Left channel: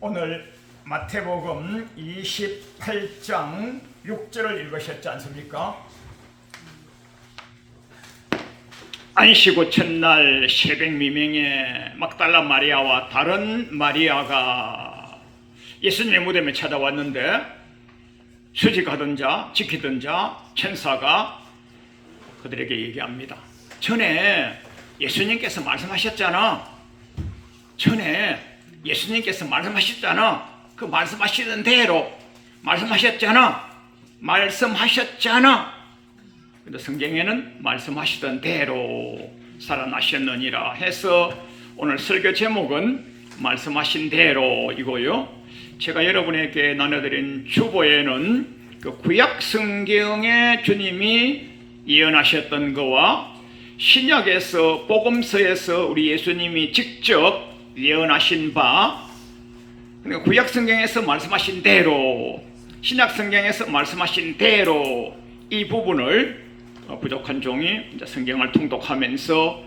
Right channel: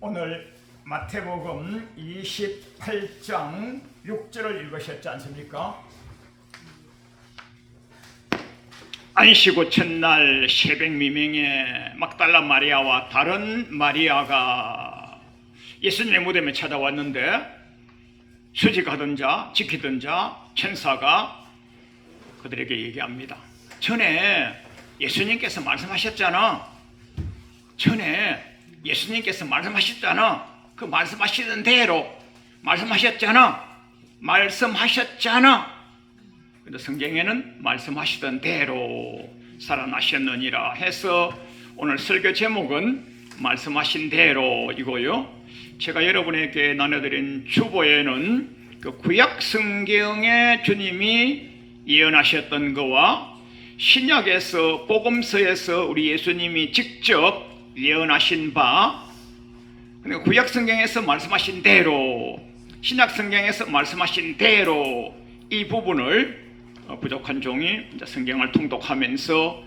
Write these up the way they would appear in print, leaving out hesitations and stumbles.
오늘 마태복음 28장 6절을 읽으셨지 않습니까? 안식구 첫날 새벽 미명에 막달라 마리아와 다른 마리아가 예수님의 무덤에 찾아왔는데 수직하던 자, 지키던 자, 천사가 그들에게 얘기합니다. 전에 예수님께서 말씀하셨잖아. 그 말씀하시던 대로 말씀하셨잖아. 근데 성경에는 말씀하시던 대로 살아나셨느니라 해서 오늘 설교 제목은 말씀하신 대로 이고요. 제가 여러분에게 나눠드린 주보에는 그 구약 성경에 주님이 예언하셨던 거와 신약에서 복음서에서 우리 예수님이 직접 예언하신 바, 그러니까 구약 성경에서 말씀하신 대로, 신약 성경에서 말씀하신 대로 이 부분을 부족한 종이 성경을 통독하면서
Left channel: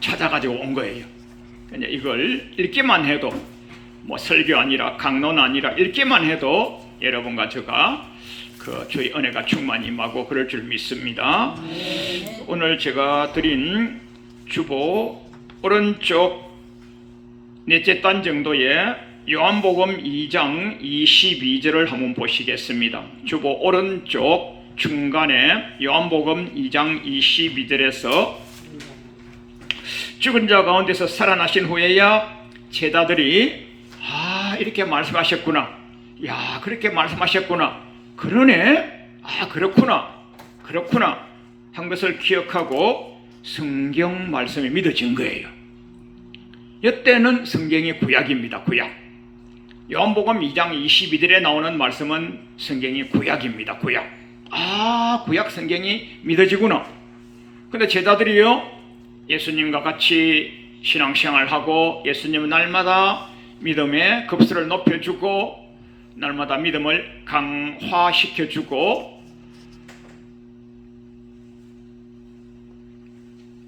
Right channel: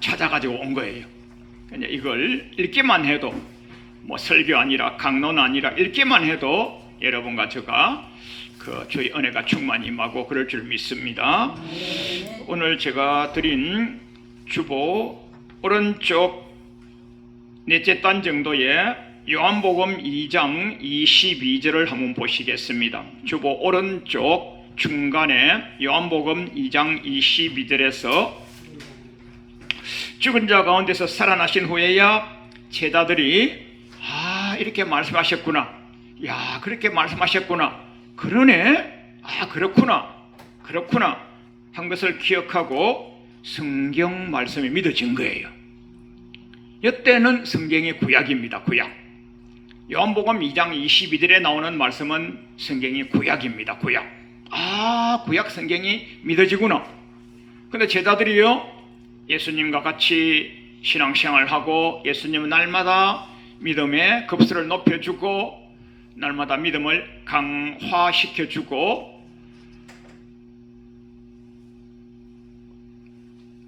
찾아가지고 온 거예요. 이걸 읽기만 해도 설교 아니라 강론 아니라 읽기만 해도 여러분과 제가 주의 은혜가 충만히 임하고 그럴 줄 믿습니다. 오늘 제가 드린 주보 오른쪽 넷째 단 정도의 요한복음 2장 22절을 한번 보시겠습니다. 주보 오른쪽 중간에 요한복음 2장 22절에서 죽은 자 가운데서 살아나신 후에야 제자들이 이렇게 말씀하셨구나. 그렇게 말씀하셨구나. 그러네. 그렇구나 한 것을 기억하고 성경 말씀이 믿어진 거예요. 이때는 성경이 구약입니다. 구약. 요한복음 2장 22절에 나오는 말씀은 성경이 구약입니다. 구약 성경이 믿어지구나. 근데 제자들이요, 예수님과 같이 신앙생활하고 예수님은 날마다 믿음의 급수를 높여주고 날마다 믿음을 강화시켜주고,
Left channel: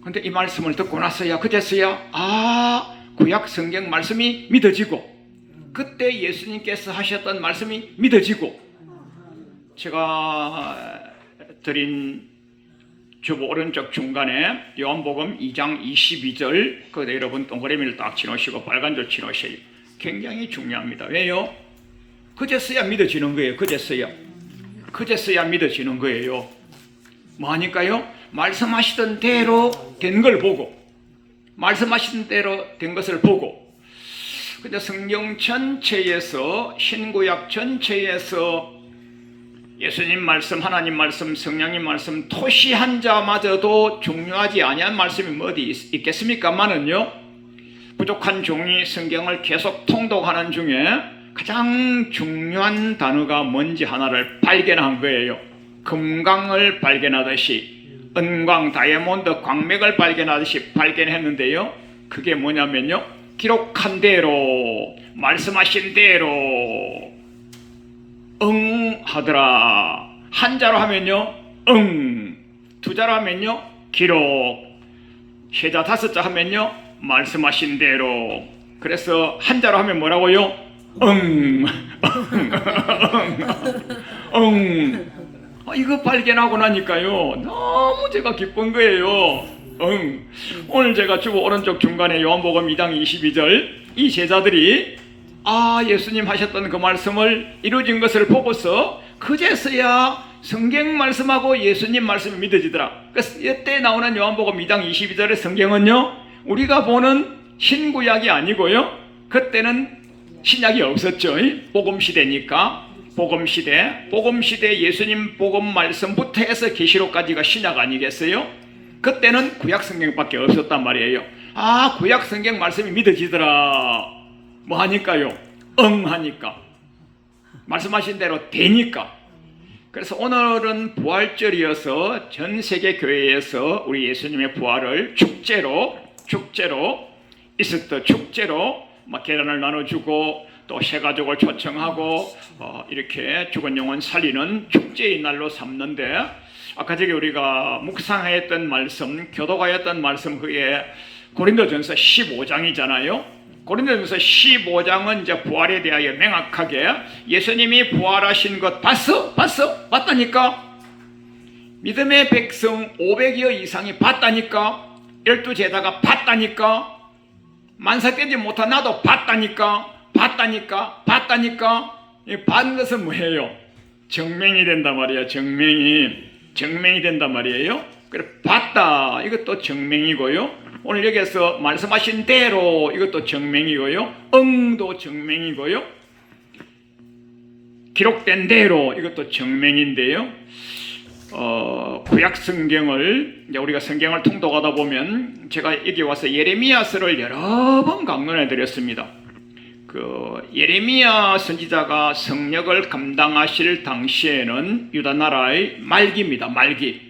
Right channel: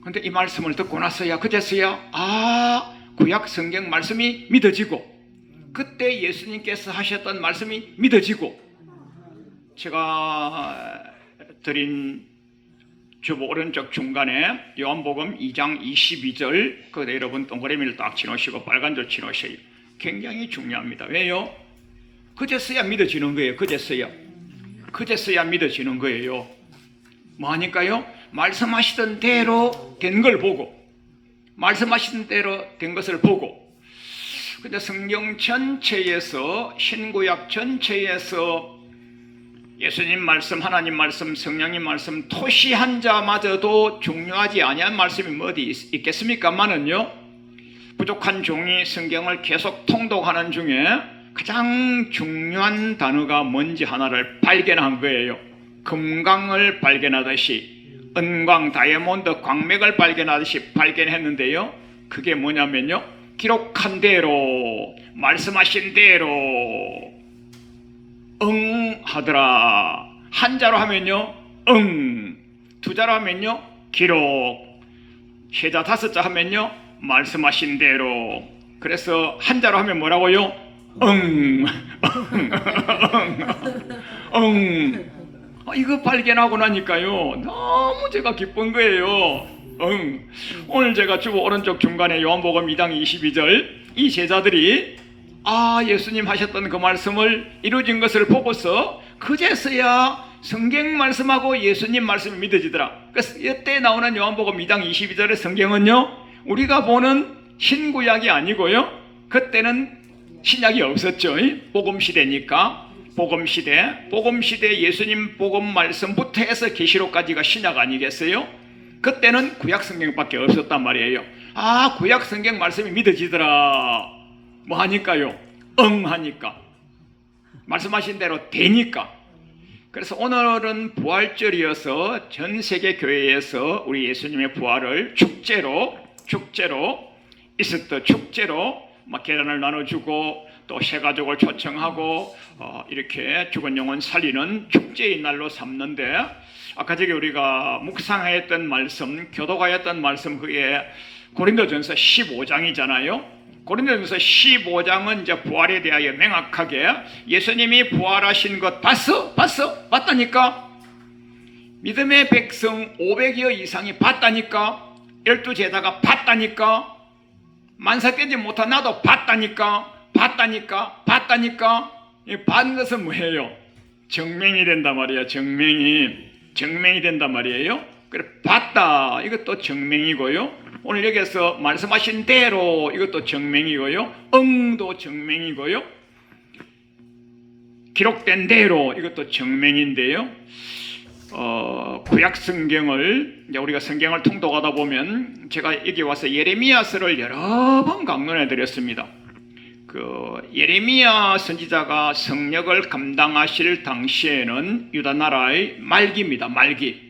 근데 이 말씀을 듣고 나서야 그제서야 구약 성경 말씀이 믿어지고 그때 예수님께서 하셨던 말씀이 믿어지고, 제가 드린 주보 오른쪽 중간에 요한복음 2장 22절 그 여러분 동그라미를 딱 치놓으시고 빨간 줄 치놓으세요. 굉장히 중요합니다. 왜요? 그제서야 믿어지는 거예요. 그제서야 믿어지는 거예요. 뭐하니까요? 말씀하시던 대로 된 걸 보고, 말씀하시던 대로 된 것을 보고. 근데 성경 전체에서, 신구약 전체에서 예수님 말씀, 하나님 말씀, 성령님 말씀 토시 한 자마저도 중요하지 아니한 말씀이 어디 있겠습니까만은요, 부족한 종이 성경을 계속 통독하는 중에 가장 중요한 단어가 뭔지 하나를 발견한 거예요. 금광을 발견하듯이, 은광, 다이아몬드, 광맥을 발견하듯이 발견했는데요. 그게 뭐냐면요, 기록한 대로, 말씀하신 대로 하더라. 한자로 하면요 두자로 하면요 기록, 세자 다섯자 하면요 말씀하신 대로. 그래서 한자로 하면 뭐라고요? 이거 발견하고 나니까요 너무 제가 기쁜 거예요. 오늘 제가 주보 오른쪽 중간에 요한복음 2장 22절 이 제자들이 예수님 하셨던 그 말씀을 이루어진 것을 보고서 그제서야 성경 말씀하고 예수님 말씀이 믿어지더라. 그래서 이때 나오는 요한복음 2장 22절의 성경은요, 우리가 보는 신구약이 아니고요, 그때는 신약이 없었죠. 복음시대니까. 복음시대 예수님 복음 말씀부터 해서 계시록까지가 신약 아니겠어요? 그때는 구약 성경밖에 없었단 말이에요. 구약 성경 말씀이 믿어지더라. 뭐 하니까요? 하니까. 말씀하신 대로 되니까. 그래서 오늘은 부활절이어서 전 세계 교회에서 우리 예수님의 부활을 축제로 이스터 축제로 계란을 나눠주고 또 새가족을 초청하고 이렇게 죽은 영혼 살리는 축제의 날로 삼는데, 아까 저기 우리가 묵상했던 말씀, 교도가였던 말씀, 그게 고린도전서 15장이잖아요. 고린도전서 15장은 이제 부활에 대하여 명확하게 예수님이 부활하신 것 봤어? 봤다니까. 믿음의 백성 500여 이상이 봤다니까. 12제자가 봤다니까. 만사 깨지 못한 나도 봤다니까. 반 것은 뭐예요? 증명이 된단 말이야. 증명이 된단 말이에요. 그래, 봤다, 이것도 증명이고요. 오늘 여기서 말씀하신 대로 이것도 증명이고요. 응도 증명이고요. 기록된 대로 이것도 증명인데요. 구약 성경을 이제 우리가 성경을 통독하다 보면 제가 여기 와서 예레미야서를 여러 번 강론해 드렸습니다. 그 예레미야 선지자가 성역을 감당하실 당시에는 유다 나라의 말기입니다. 말기.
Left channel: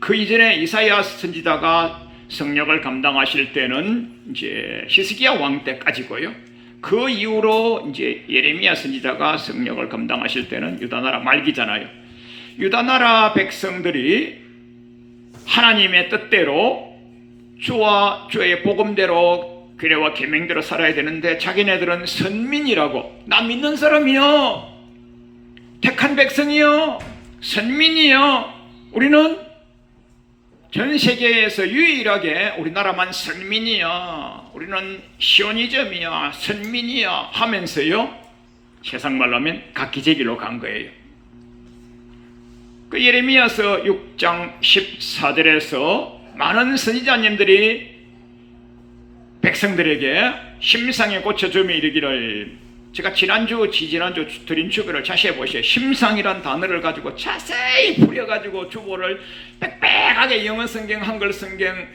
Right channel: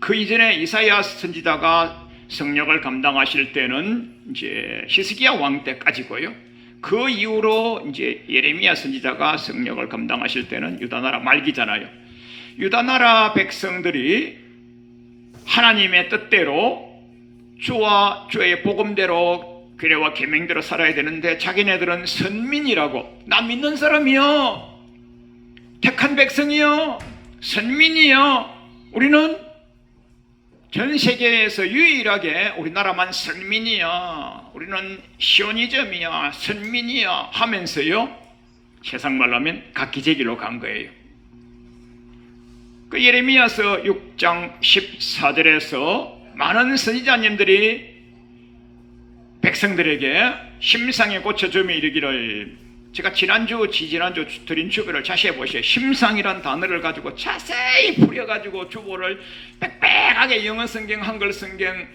그 이전에 이사야 선지자가 성역을 감당하실 때는 이제 히스기야 왕 때까지고요. 그 이후로 이제 예레미야 선지자가 성역을 감당하실 때는 유다 나라 말기잖아요. 유다 나라 백성들이 하나님의 뜻대로 주와 주의 복음대로 규례와 계명대로 살아야 되는데 자기네들은 선민이라고, 나 믿는 사람이요, 택한 백성이요, 선민이요, 우리는 전 세계에서 유일하게 우리나라만 선민이야, 우리는 시오니즘이야, 선민이야 하면서요, 세상 말로 하면 각기제길로 간 거예요. 그 예레미야서 6장 14절에서 많은 선지자님들이 백성들에게 심상에 고쳐줌이 이르기를, 제가 지지난주 드린 주보를 자세히 보세요. 심상이란 단어를 가지고 자세히 풀어가지고 주보를 빽빽하게 영어 성경, 한글 성경,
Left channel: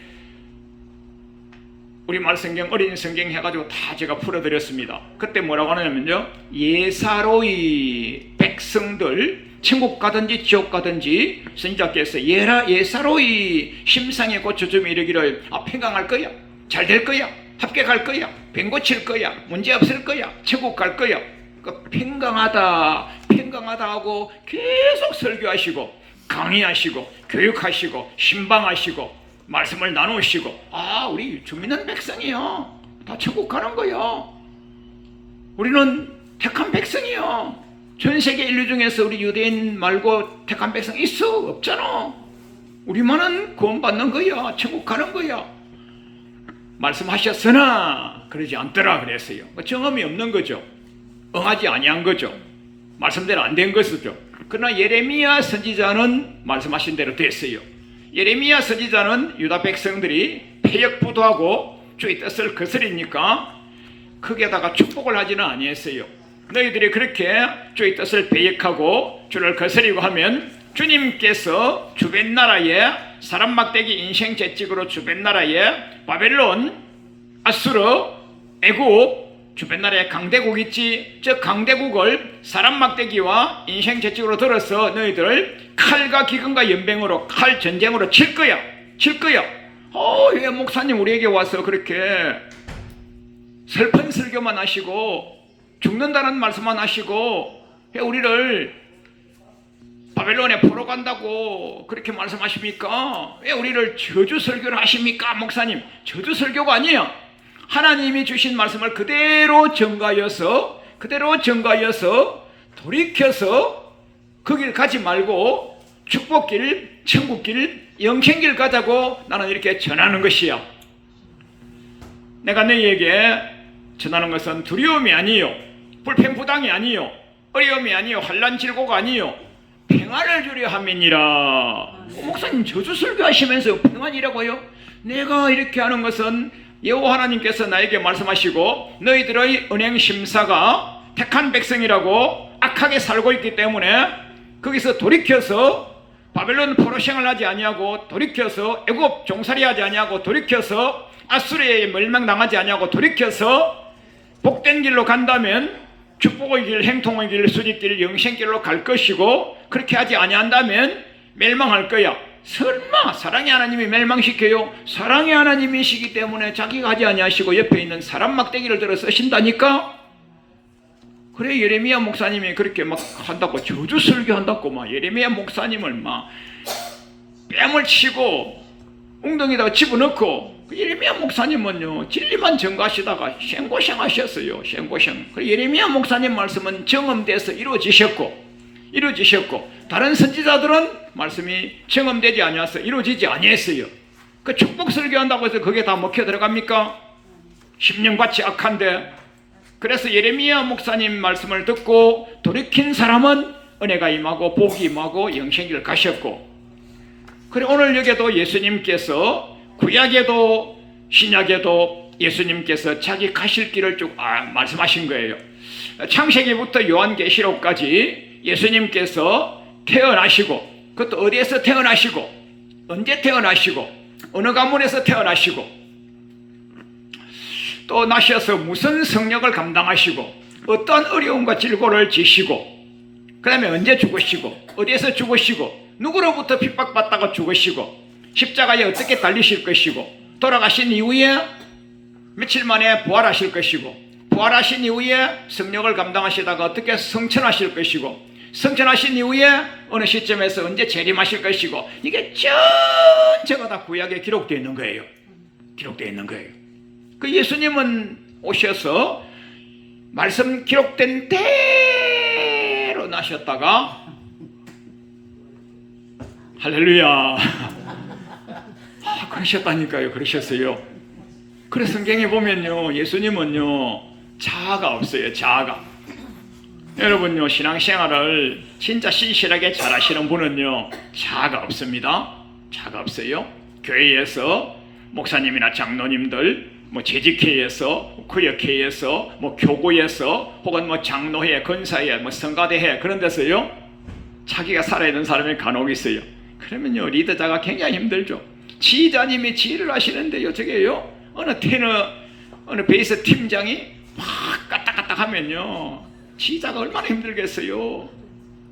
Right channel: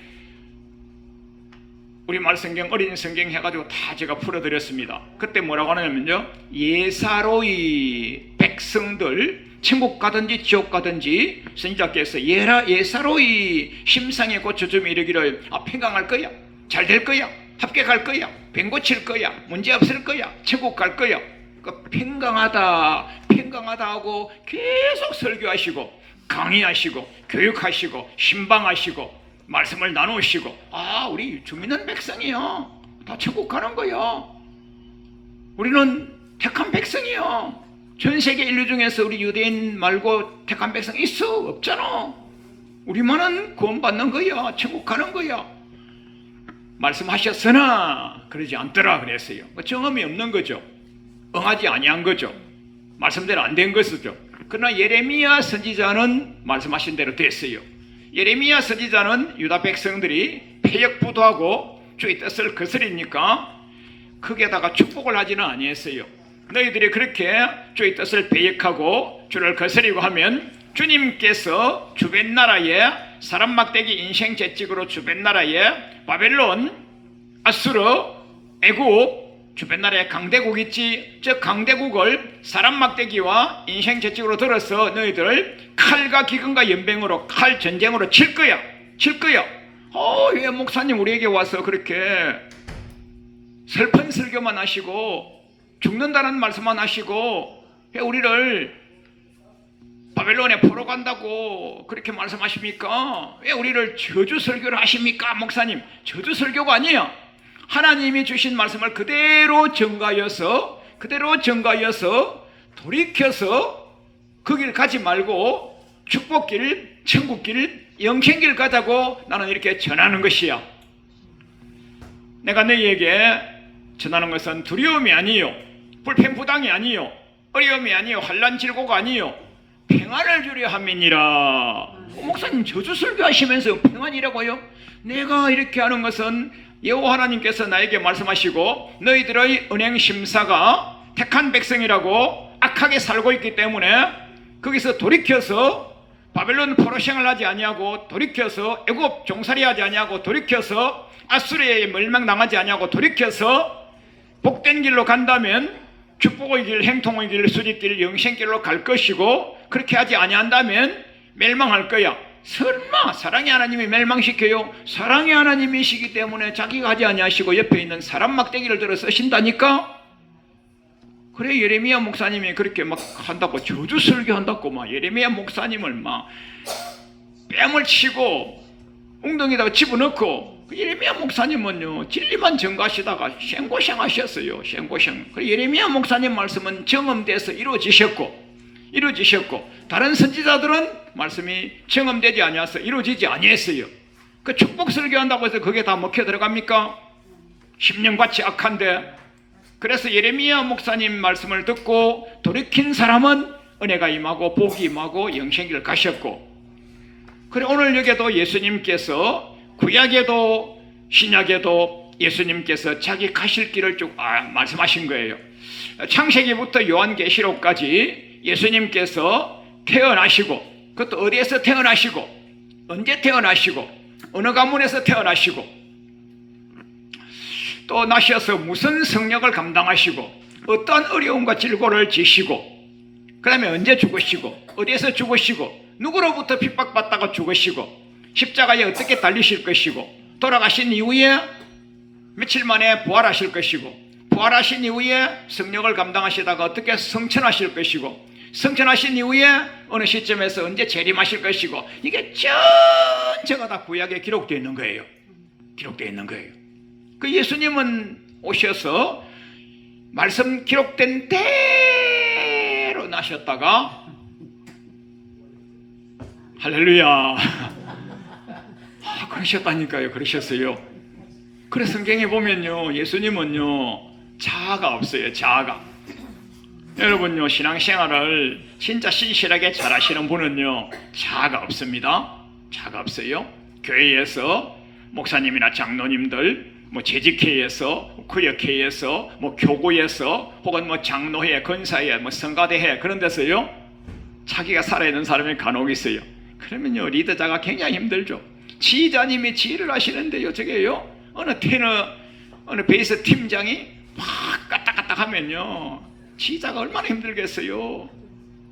우리말 성경, 어린이 성경 해가지고 다 제가 풀어드렸습니다. 그때 뭐라고 하냐면요, 예사로이 백성들, 천국 가든지 지옥 가든지 선지자께서 예사로이 심상에 고쳐줌이 이르기를, 평강할 거야, 잘 될 거야, 합격할 거야, 병 고칠 거야, 문제 없을 거야, 천국 갈 거야. 그러니까 평강하다 하고 계속 설교하시고 강의하시고 교육하시고 신방하시고 말씀을 나누시고, 우리 주민은 백성이요, 다 천국 가는 거야, 우리는 택한 백성이요, 전 세계 인류 중에서 우리 유대인 말고 택한 백성 있어? 없잖아. 우리만은 구원받는 거야, 천국 가는 거야 말씀하셨으나 그러지 않더라 그랬어요. 경험이 없는 거죠. 응하지 아니한 거죠. 말씀대로 안 된 것이죠. 그러나 예레미야 선지자는 말씀하신 대로 됐어요. 예레미야 선지자는 유다 백성들이 패역부도하고 주의 뜻을 거스리니까 거기에다가 축복을 하지는 아니했어요. 너희들이 그렇게 주의 뜻을 배역하고 주를 거스리고 하면 주님께서 주변 나라에 사람 막대기 인생 채찍으로 주변 나라에 바벨론, 아수르, 애국, 주변 나라에 강대국 있지, 저 강대국을 사람 막대기와 인생 채찍으로 들어서 너희들 칼과 기근과 연병으로, 칼 전쟁으로 칠 거야. 왜 목사님 우리에게 와서 그렇게 슬픈 설교만 하시고 죽는다는 말씀만 하시고 왜 우리를 바벨론에 포로 간다고 그렇게 말씀하십니까? 왜 우리를 저주 설교를 하십니까? 목사님, 저주 설교가 아니에요. 하나님이 주신 말씀을 그대로 전가하여서 돌이켜서 그 길 가지 말고 축복길, 천국길, 영생길 가자고 나는 이렇게 전하는 것이야. 내가 너희에게 전하는 것은 두려움이 아니요, 불평부당이 아니요, 어려움이 아니요, 환난 질고가 아니요, 평안을 주려 함이니라. 목사님 저주 설교하시면서 평안이라고요? 내가 이렇게 하는 것은 여호와 하나님께서 나에게 말씀하시고 너희들의 은행 심사가 택한 백성이라고 악하게 살고 있기 때문에 거기서 돌이켜서 바벨론 포로 생활하지 아니하고, 돌이켜서 애굽 종살이 하지 아니하고, 돌이켜서 아수르에 멸망당하지 아니하고, 돌이켜서 복된 길로 간다면 축복의 길, 행통의 길, 수직길, 영생길로 갈 것이고, 그렇게 하지 아니한다면 멸망할 거야. 설마 사랑의 하나님이 멸망시켜요? 사랑의 하나님이시기 때문에 자기가 하지 아니하시고 옆에 있는 사람 막대기를 들어 쓰신다니까? 그래, 예레미야 목사님이 그렇게 막 한다고, 저주 설교한다고 막 예레미야 목사님을 막 뺨을 치고 웅덩이에다가 집어넣고, 그 예레미야 목사님은요 진리만 전가하시다가 생고생 하셨어요. 생고생. 그 예레미야 목사님 말씀은 경험돼서 이루어지셨고 다른 선지자들은 말씀이 경험되지 아니하서 이루어지지 아니했어요. 그 축복 설교한다고 해서 그게 다 먹혀 들어갑니까? 심령밭이 악한데. 그래서 예레미야 목사님 말씀을 듣고 돌이킨 사람은 은혜가 임하고 복이 임하고 영생길을 가셨고, 그래 오늘 여기도 예수님께서 구약에도 신약에도 예수님께서 자기 가실 길을 쭉 말씀하신 거예요. 창세기부터 요한계시록까지 예수님께서 태어나시고, 그것도 어디에서 태어나시고 언제 태어나시고 어느 가문에서 태어나시고 또 나셔서 무슨 성역을 감당하시고 어떤 어려움과 질고를 지시고 그 다음에 언제 죽으시고 어디에서 죽으시고 누구로부터 핍박받다가 죽으시고 십자가에 어떻게 달리실 것이고 돌아가신 이후에 며칠 만에 부활하실 것이고 부활하신 이후에 성령을 감당하시다가 어떻게 성천하실 것이고 성천하신 이후에 어느 시점에서 언제 재림하실 것이고 이게 전체가 다 구약에 기록되어 있는 거예요. 기록되어 있는 거예요. 그 예수님은 오셔서 말씀 기록된 대로 나셨다가 할렐루야 그러셨다니까요. 그러셨어요. 그래서 성경에 보면요 예수님은요 자아가 없어요. 자아가. 여러분요 신앙생활을 진짜 신실하게 잘하시는 분은요 자아가 없습니다. 자아가 없어요. 교회에서 목사님이나 장로님들 뭐 재직회에서 구역회에서 뭐 교구에서 혹은 뭐 장로회 건사회 뭐 성가대회 그런 데서요 자기가 살아있는 사람이 간혹 있어요. 그러면요 리더자가 굉장히 힘들죠. 지휘자님이 지휘를 하시는데요 저게요 어느 베이스 팀장이 막 까딱까딱 하면요 지휘자가 얼마나 힘들겠어요.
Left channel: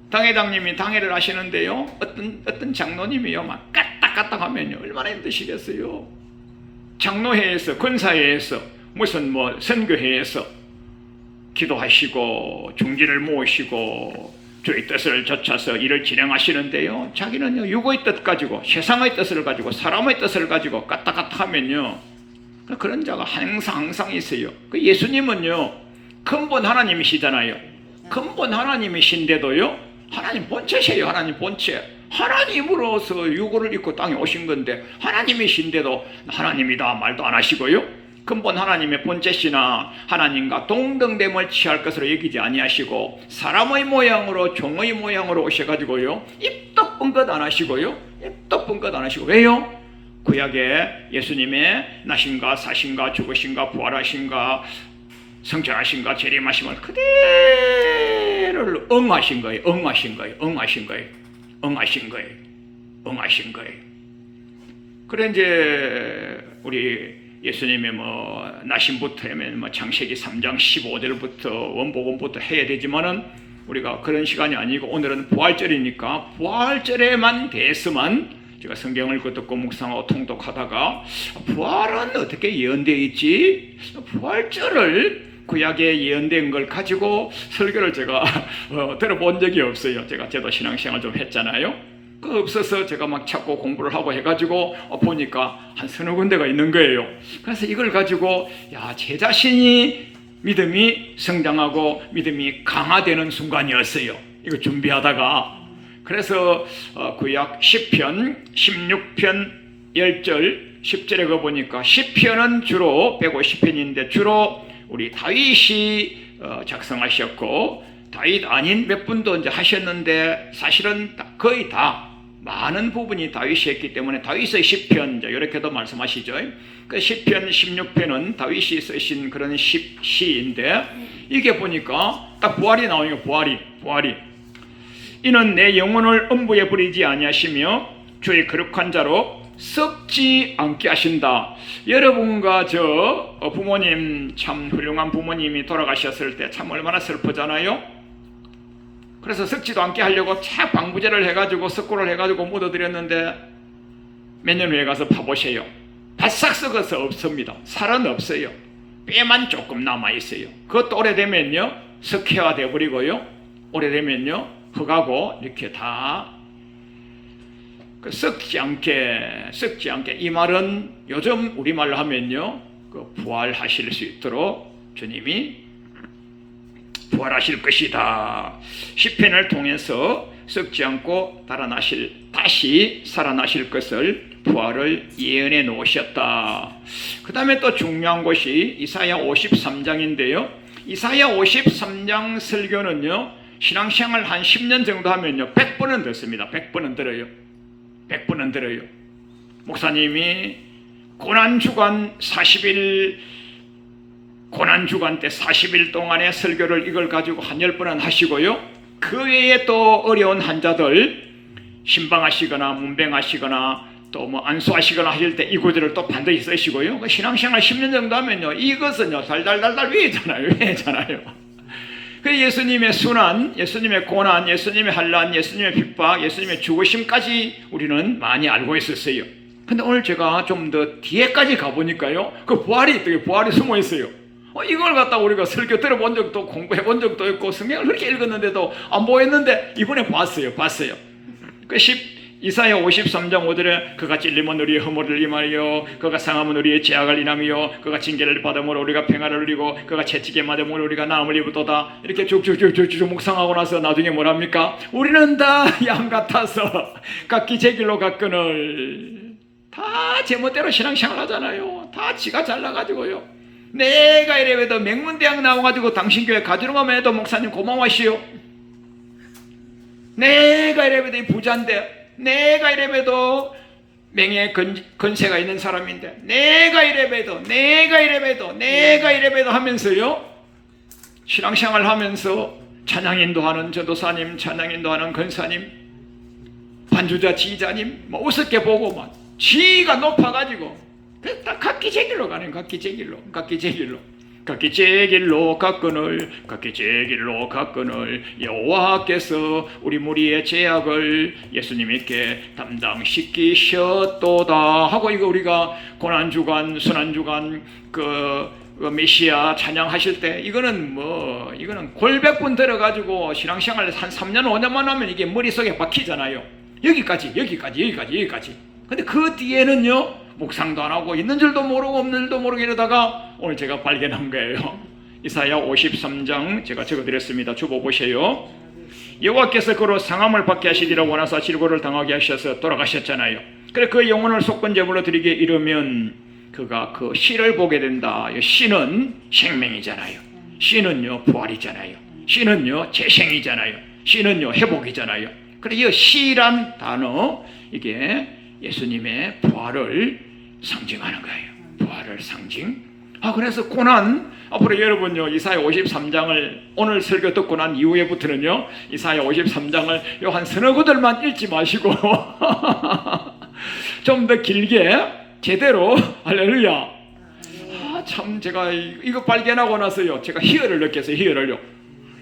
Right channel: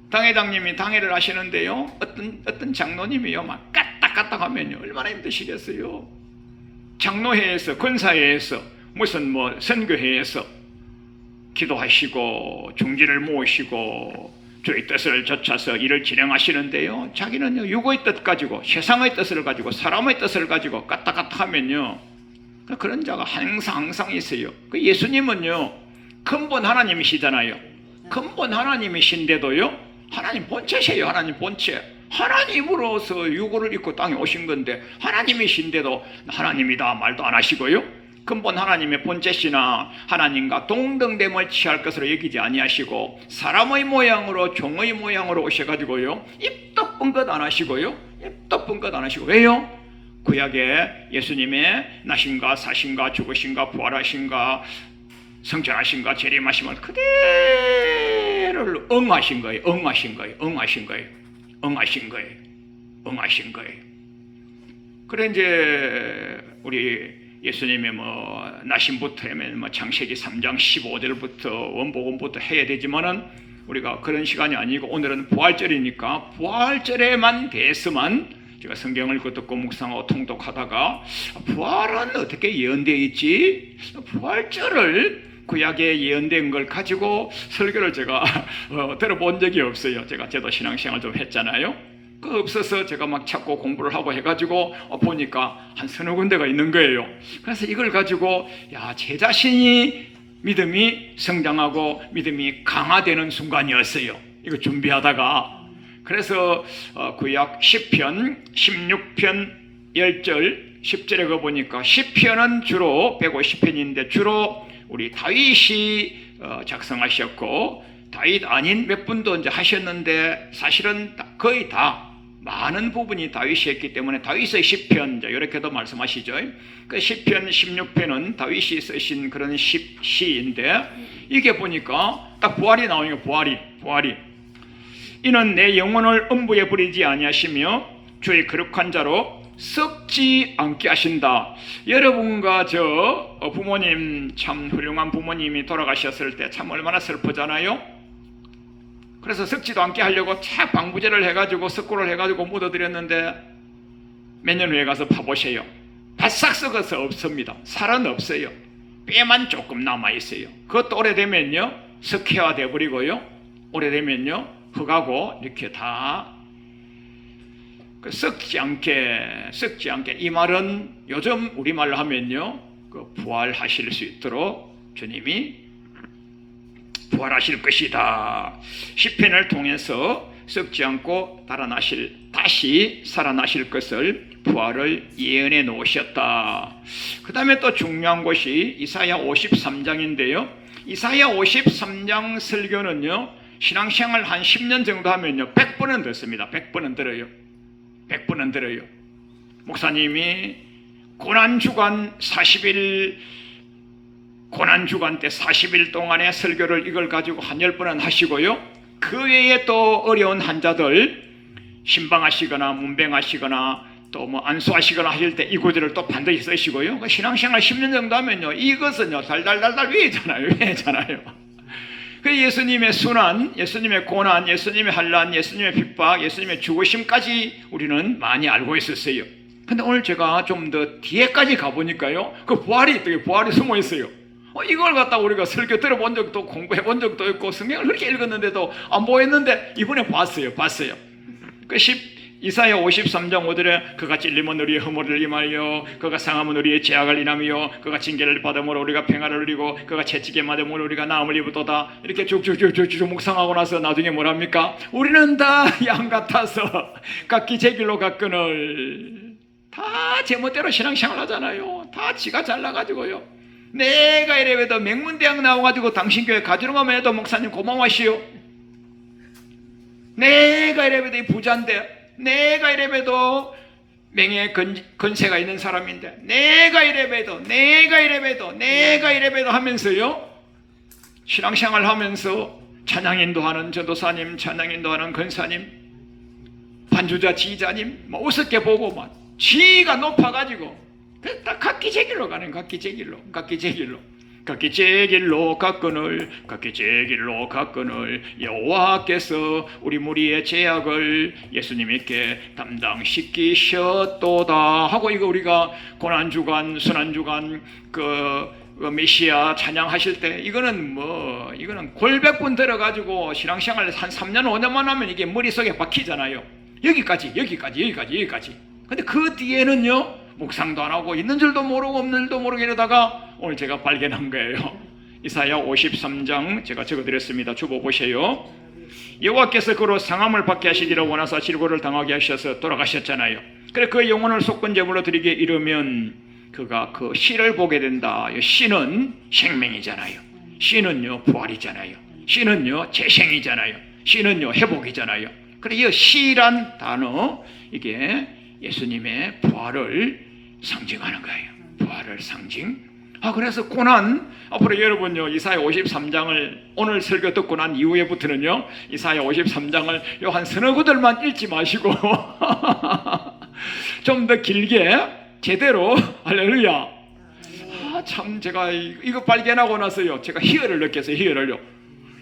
당회장님이 당회를 하시는데요 어떤 장로님이요 막 까딱까딱 하면요 얼마나 힘드시겠어요. 장로회에서 권사회에서 무슨 뭐 선교회에서 기도하시고 중진을 모으시고 주의 뜻을 좇아서 일을 진행하시는데요 자기는 육의 뜻 가지고 세상의 뜻을 가지고 사람의 뜻을 가지고 까딱까딱 하면요 그런 자가 항상 있어요. 그 예수님은요 근본 하나님이시잖아요. 근본 하나님이신데도요 하나님 본체세요. 하나님 본체. 하나님으로서 육을 입고 땅에 오신 건데 하나님이신데도 하나님이다 말도 안 하시고요. 근본 하나님의 본체시나 하나님과 동등됨을 취할 것으로 여기지 아니하시고 사람의 모양으로 종의 모양으로 오셔가지고요 입도 뻥긋 안 하시고요. 입도 뻥긋 안 하시고 왜요? 구약에 예수님의 나신가 사신가 죽으신가 부활하신가 성천하신가 재림하신가 그대로를 응하신 거예요. 응하신 거예요. 그래 이제 우리 예수님의 뭐 나신부터 하면 뭐 창세기 3장 15절부터 원복음부터 해야 되지만은 우리가 그런 시간이 아니고 오늘은 부활절이니까 부활절에만 대해서만 제가 성경을 듣고 묵상하고 통독하다가 부활은 어떻게 예언되어 있지? 부활절을 구약에 예언된 걸 가지고 설교를 제가 들어본 적이 없어요. 제가 저도 신앙생활 좀 했잖아요. 그 없어서 제가 막 찾고 공부를 하고 해가지고 보니까 한 서너 군데가 있는 거예요. 그래서 이걸 가지고 제 자신이 믿음이 성장하고 믿음이 강화되는 순간이었어요. 이거 준비하다가 그래서 구약 10편 16편 10절 10절에 가 보니까 10편은 주로 150편인데 주로 우리 다윗이 작성하셨고 다윗 아닌 몇 분도 이제 하셨는데 사실은 거의 다 많은 부분이 다윗이 했기 때문에 다윗의 10편 이렇게도 말씀하시죠. 그 10편 16편은 다윗이 쓰신 그런 시인데 이게 보니까 딱 부활이 나오니까 부활이 이는 내 영혼을 음부에 버리지 아니하시며 주의 거룩한 자로 썩지 않게 하신다. 여러분과 저 부모님 참 훌륭한 부모님이 돌아가셨을 때 참 얼마나 슬프잖아요. 그래서 썩지도 않게 하려고 차 방부제를 해가지고 석고를 해가지고 묻어드렸는데 몇 년 후에 가서 파보세요. 바싹 썩어서 없습니다. 살은 없어요. 뼈만 조금 남아있어요. 그것도 오래되면요 석회화 돼버리고요 오래되면요 흙하고 이렇게 다 썩지 않게 이 말은 요즘 우리말로 하면요, 부활하실 수 있도록 주님이 부활하실 것이다. 시편을 통해서 썩지 않고 다시 살아나실 것을 부활을 예언해 놓으셨다. 그 다음에 또 중요한 것이 이사야 53장인데요. 이사야 53장 설교는요, 신앙생활 한 10년 정도 하면요 100번은 듣습니다. 100번은 들어요. 100번은 들어요. 목사님이 고난주간 40일 고난주간 때 40일 동안의 설교를 이걸 가지고 한 10번은 하시고요, 그 외에 또 어려운 환자들 신방하시거나 문병하시거나 또 뭐 안수하시거나 하실 때 이 구절을 또 반드시 쓰시고요. 신앙생활 10년 정도 하면요 이것은요 달달달달 위에잖아요. 그 예수님의 순환, 예수님의 고난, 예수님의 환난, 예수님의 핍박, 예수님의 죽으심까지 우리는 많이 알고 있었어요. 근데 오늘 제가 좀 더 뒤에까지 가보니까요, 그 부활이 숨어 있어요. 이걸 갖다 우리가 설교 들어본 적도 없고 공부해 본 적도 없고 성경을 그렇게 읽었는데도 안 보였는데 이번에 봤어요. 이사야 53장 5절에 그가 찔림은 우리의 허물을 임하여 그가 상함은 우리의 죄악을 인하며 그가 징계를 받음으로 우리가 평화를 누리고 그가 채찍에 맞음으로 우리가 나음을 입었도다. 이렇게 쭉쭉쭉쭉 묵상하고 나서 나중에 뭐랍니까? 우리는 다 양 같아서 각기 제 길로 갔거늘. 다 제멋대로 신앙생활 하잖아요. 다 지가 잘나가지고요. 내가 이래봬도 맹문대학 나와가지고 당신 교회 가지런하면 해도 목사님 고마워하시오. 내가 이래봬도 부자인데, 내가 이래봬도 명예 건세가 있는 사람인데, 내가 이래봬도 하면서요, 신앙생활 하면서 찬양인도 하는 전도사님, 찬양인도 하는 건사님, 반주자 지휘자님 뭐 우습게 보고만 지위가 높아가지고 다 각기 제 길로 가는, 각기 제 길로 갔거늘 여호와께서 우리 무리의 죄악을 예수님께 담당시키셨도다 하고, 이거 우리가 고난주간 순환주간 그 메시아 찬양하실 때 이거는 골백분 들어가지고 신앙생활 한 3년 5년만 하면 이게 머릿속에 박히잖아요. 여기까지. 근데 그 뒤에는요 묵상도 안 하고 있는 줄도 모르고 없는 줄도 모르고 이러다가 오늘 제가 발견한 거예요. 이사야 53장 제가 적어드렸습니다. 주보 보세요. 여호와께서 그로 상함을 받게 하시기를 원하사 질고를 당하게 하셔서 돌아가셨잖아요. 그래 그 영혼을 속건제물로 드리게 이르면 그가 그 씨를 보게 된다. 씨는 생명이잖아요. 씨는요 부활이잖아요. 씨는요 재생이잖아요. 씨는요 회복이잖아요. 그래 이 씨란 단어, 이게 예수님의 부활을 상징하는 거예요. 부활을 상징. 그래서 고난, 앞으로 여러분요 이사야 53장을 오늘 설교 듣고 난 이후에부터는요 이사야 53장을 요 한 서너 구절만 읽지 마시고 좀 더 길게 제대로, 할렐루야. 참 제가 이거 발견하고 나서요 제가 희열을 느꼈어요. 희열을요.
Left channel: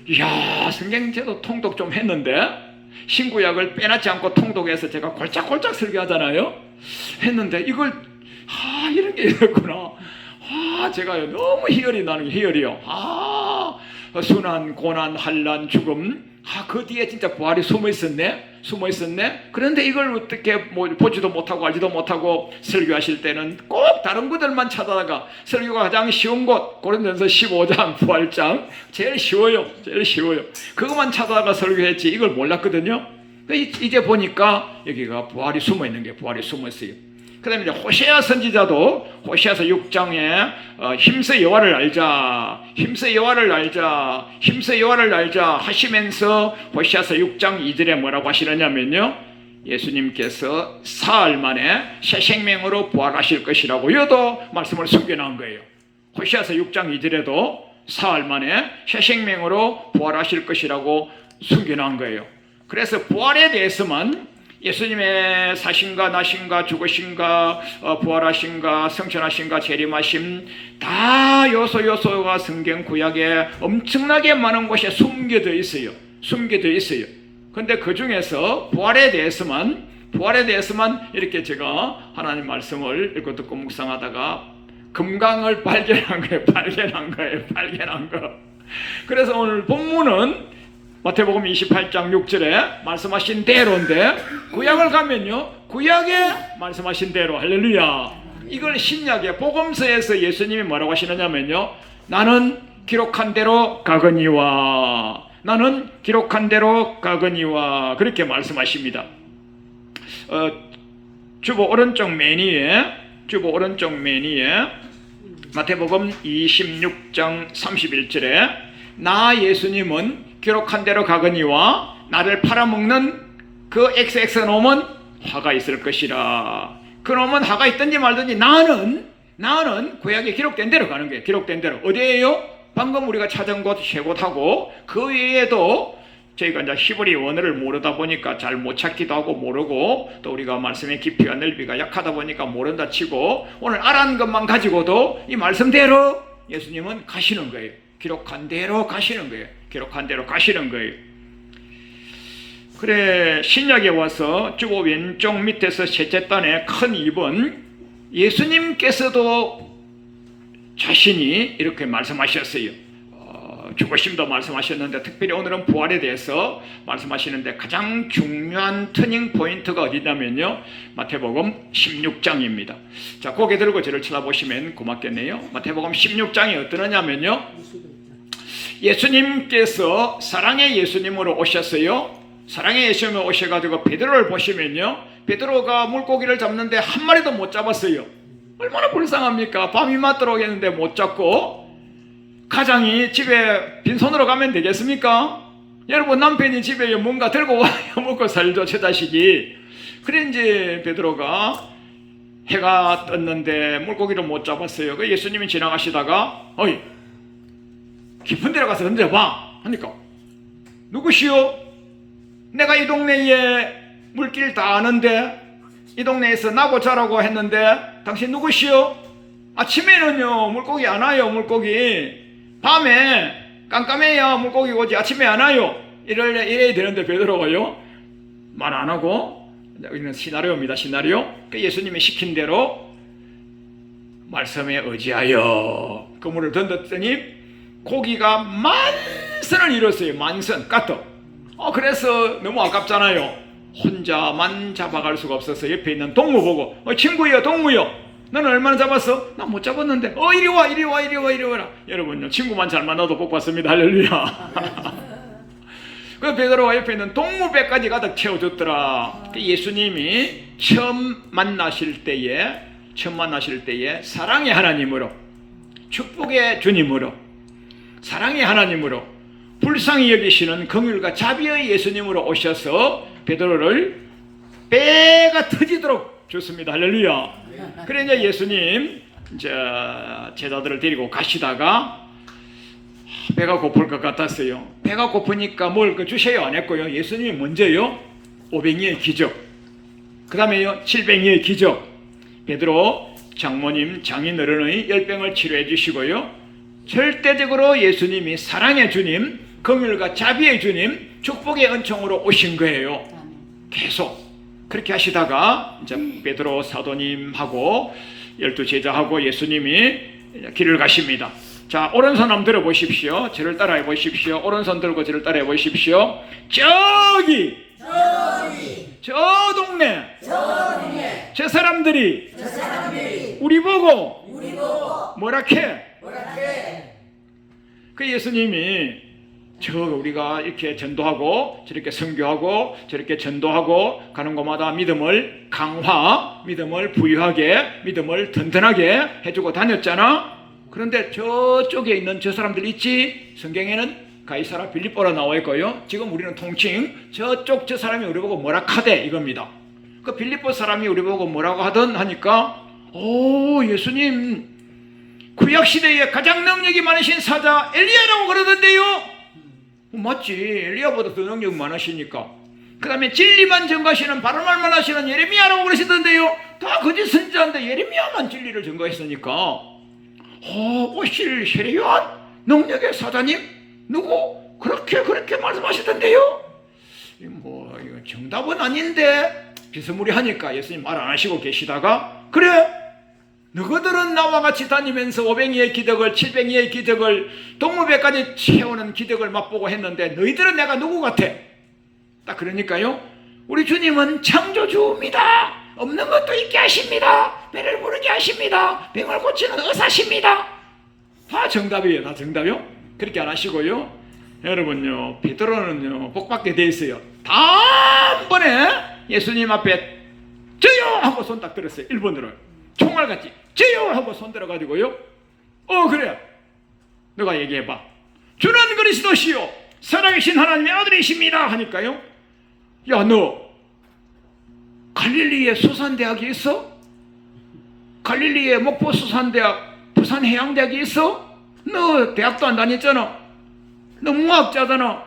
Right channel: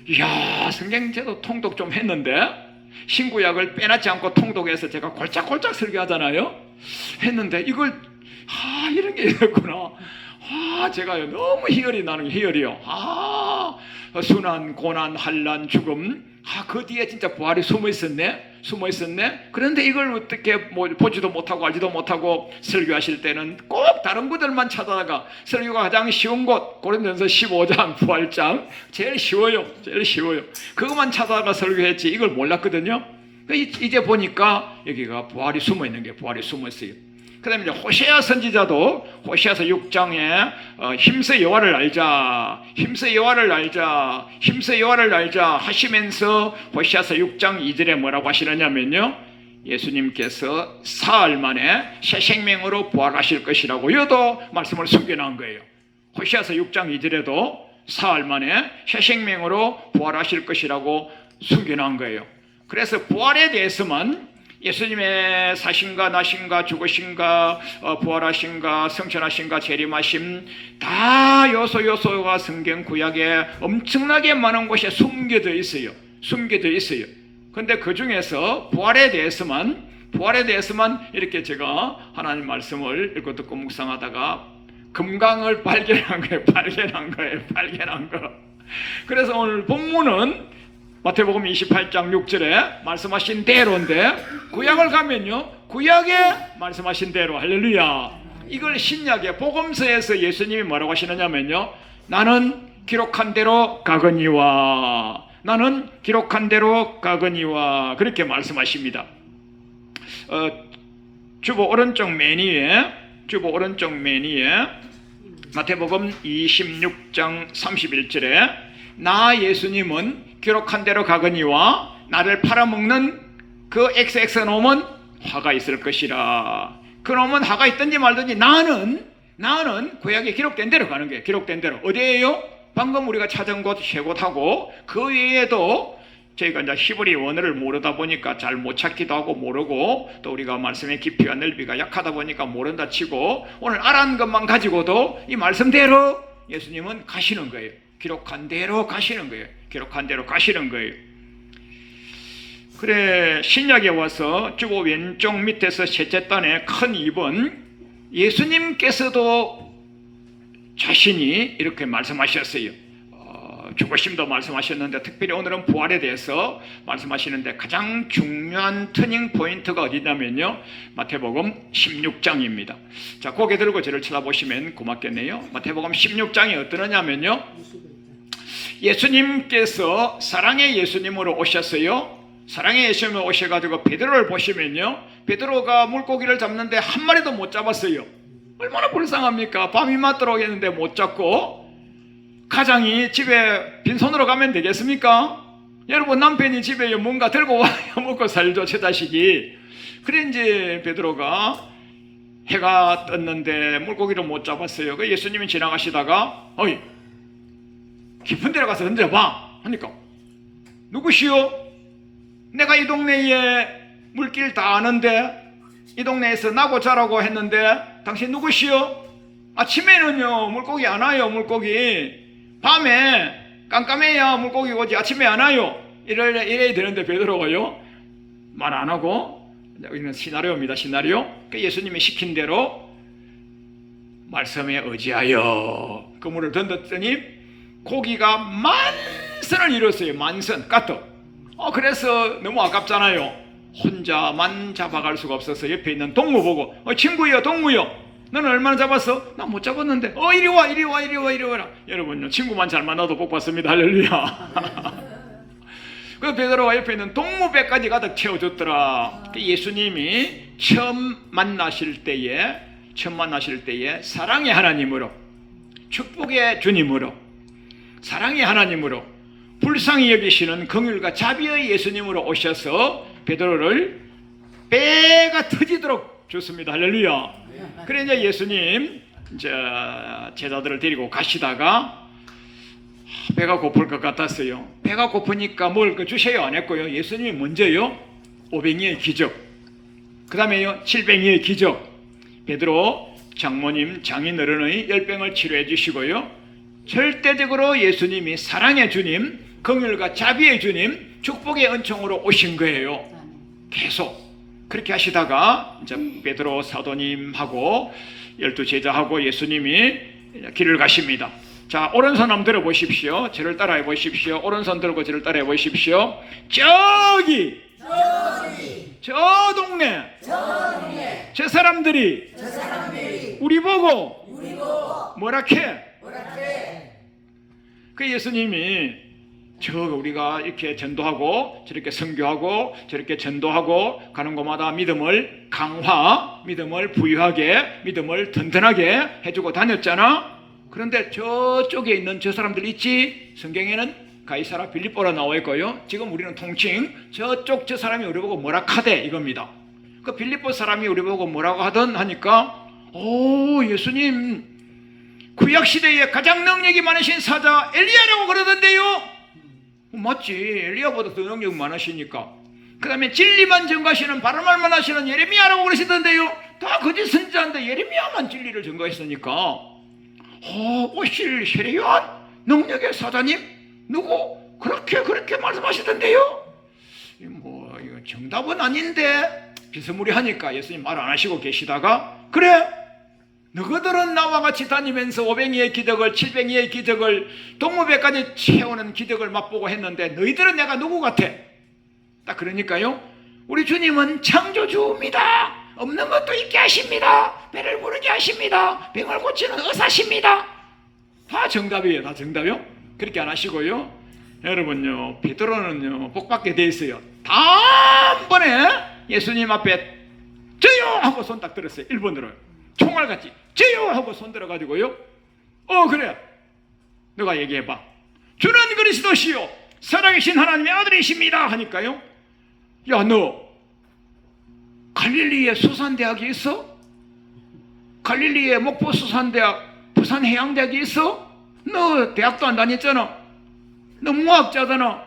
이야, 성경 제도 통독 좀 했는데 신구약을 빼놨지 않고 통독해서 제가 골짝골짝 설교하잖아요. 했는데 이걸 이런 게 있었구나. 제가 너무 희열이 나는 희열이요. 순환, 고난, 환난, 죽음. 그 뒤에 진짜 부활이 숨어 있었네. 그런데 이걸 어떻게 보지도 못하고 알지도 못하고 설교하실 때는 꼭 다른 분들만 찾아다가 설교가 가장 쉬운 곳 고린도전서 15장 부활장 제일 쉬워요. 그것만 찾아다가 설교했지 이걸 몰랐거든요. 이제 보니까 여기가 부활이 숨어 있는 게 부활이 숨어 있어요. 그 다음에 이제 호세아 선지자도 호세아서 6장에 힘써 여호와를 알자 하시면서 호세아서 6장 2절에 뭐라고 하시느냐면요, 예수님께서 사흘 만에 새 생명으로 부활하실 것이라고 여도 말씀을 숨겨놓은 거예요. 호세아서 6장 2절에도 사흘 만에 새 생명으로 부활하실 것이라고 숨겨놓은 거예요. 그래서 부활에 대해서만 예수님의 사신가 나신가 죽으신가 부활하신가 성천하신가 재림하심 다 요소가 성경 구약에 엄청나게 많은 곳에 숨겨져 있어요. 근데 그 중에서 부활에 대해서만 이렇게 제가 하나님 말씀을 읽고 듣고 묵상하다가 금강을 발견한 거예요. 그래서 오늘 본문은 마태복음 28장 6절에 말씀하신 대로인데 구약을 가면요 구약에 말씀하신 대로 할렐루야. 이걸 신약의 복음서에서 예수님이 뭐라고 하시느냐면요 나는 기록한 대로 가거니와 나는 기록한 대로 가거니와 그렇게 말씀하십니다. 주보 오른쪽 맨 위에 마태복음 26장 31절에 나 예수님은 기록한 대로 가거니와 나를 팔아먹는 그 XX 놈은 화가 있을 것이라. 그 놈은 화가 있든지 말든지 나는 구약에 기록된 대로 가는 거예요. 기록된 대로. 어디에요? 방금 우리가 찾은 곳 세 곳하고 그 외에도 저희가 이제 히브리 원어를 모르다 보니까 잘 못 찾기도 하고 모르고 또 우리가 말씀의 깊이와 넓이가 약하다 보니까 모른다 치고 오늘 알아는 것만 가지고도 이 말씀대로 예수님은 가시는 거예요. 기록한 대로 가시는 거예요. 기록한 대로 가시는 거예요. 그래 신약에 와서 주보 왼쪽 밑에서 셋째 단에 큰 2번 예수님께서도 자신이 이렇게 말씀하셨어요. 죽으심도 말씀하셨는데 특별히 오늘은 부활에 대해서 말씀하시는데 가장 중요한 터닝 포인트가 어디냐면요 마태복음 16장입니다. 자 고개 들고 저를 쳐다보시면 고맙겠네요. 마태복음 16장이 어떠냐면요 예수님께서 사랑의 예수님으로 오셨어요. 사랑의 예수님으로 오셔가지고 베드로를 보시면요 베드로가 물고기를 잡는데 한 마리도 못 잡았어요. 얼마나 불쌍합니까? 밤이 맞도록 했는데 못 잡고 가장이 집에 빈손으로 가면 되겠습니까? 여러분 남편이 집에 뭔가 들고 와야 먹고 살죠 제 자식이. 그래 이제 베드로가 해가 떴는데 물고기를 못 잡았어요. 그 예수님이 지나가시다가 어이 깊은 데로 가서 던져봐 하니까 누구시오? 내가 이 동네에 물길 다 아는데 이 동네에서 나고 자라고 했는데 당신 누구시오? 아침에는요 물고기 안 와요. 물고기 밤에 깜깜해야 물고기 오지 아침에 안 와요. 이래야 되는데 베드로가요 말 안 하고 여기는 시나리오입니다. 시나리오. 그 예수님이 시킨 대로 말씀에 의지하여 그물을 던졌더니 고기가 만선을 이뤘어요. 만선 까떡. 그래서 너무 아깝잖아요. 혼자만 잡아갈 수가 없어서 옆에 있는 동무 보고 친구요 동무요 너는 얼마나 잡았어? 나 못 잡았는데 이리 와라. 여러분요 친구만 잘 만나도 복 받습니다. 할렐루야. 그 베드로가 옆에 있는 동무 배까지 가득 채워줬더라. 예수님이 처음 만나실 때에 사랑의 하나님으로 축복의 주님으로 사랑의 하나님으로 불쌍히 여기시는 긍휼과 자비의 예수님으로 오셔서 베드로를 배가 터지도록 줬습니다. 할렐루야. 그래 이제 예수님 제자들을 데리고 가시다가 배가 고플 것 같았어요. 배가 고프니까 뭘 주세요 안 했고요. 예수님이 먼저요 500리의 기적, 그 다음에요 700리의 기적, 베드로 장모님 장인어른의 열병을 치료해 주시고요. 절대적으로 예수님이 사랑의 주님, 긍휼과 자비의 주님, 축복의 은총으로 오신 거예요. 계속 그렇게 하시다가 이제 베드로 사도님하고 12 제자하고 예수님이 길을 가십니다. 자 오른손 한번 들어보십시오. 저를 따라해 보십시오. 오른손 들고 저를 따라해 보십시오. 저기 저 동네 저 사람들이 우리 보고 뭐라케? 그 예수님이 우리가 이렇게 전도하고 저렇게 선교하고 저렇게 전도하고 가는 곳마다 믿음을 믿음을 부유하게, 믿음을 든든하게 해주고 다녔잖아. 그런데 저쪽에 있는 저 사람들 있지? 성경에는 가이사라 빌립보라 나와 있고요. 지금 우리는 통칭 저쪽 저 사람이 우리 보고 뭐라 카대 이겁니다. 그 빌립보 사람이 우리 보고 뭐라고 하던 하니까 예수님 구약시대에 가장 능력이 많으신 사자 엘리야라고 그러던데요. 맞지. 엘리야보다 더 능력 많으시니까. 그 다음에 진리만 전가하시는 바른 말만 하시는 예레미야라고 그러시던데요. 다 거짓 선지자인데 예레미야만 진리를 전가했으니까 오실 세례요한 능력의 사자님 누구 그렇게 말씀하시던데요. 이거 정답은 아닌데 비스무리하니까 예수님 말 안 하시고 계시다가 그래 너희들은 나와 같이 다니면서 5뱅이의 기적을 7뱅이의 기적을 동무배까지 채우는 기적을 맛보고 했는데 너희들은 내가 누구 같아? 딱 그러니까요, 우리 주님은 창조주입니다. 없는 것도 있게 하십니다. 배를 부르게 하십니다. 병을 고치는 의사십니다. 다 정답이에요. 다 정답이요. 그렇게 안 하시고요, 여러분요, 베드로는요 복받게 돼 있어요. 단번에 예수님 앞에 저요 하고 손 딱 들었어요. 1번으로 총알같이 저요 하고 손 들어가지고요, 그래, 너가 얘기해봐. 주는 그리스도시요 살아계신 하나님의 아들이십니다 하니까요, 야, 너 갈릴리에 수산대학이 있어? 갈릴리에 목포 수산대학, 부산해양대학이 있어? 너 대학도 안 다녔잖아. 너 무학자잖아.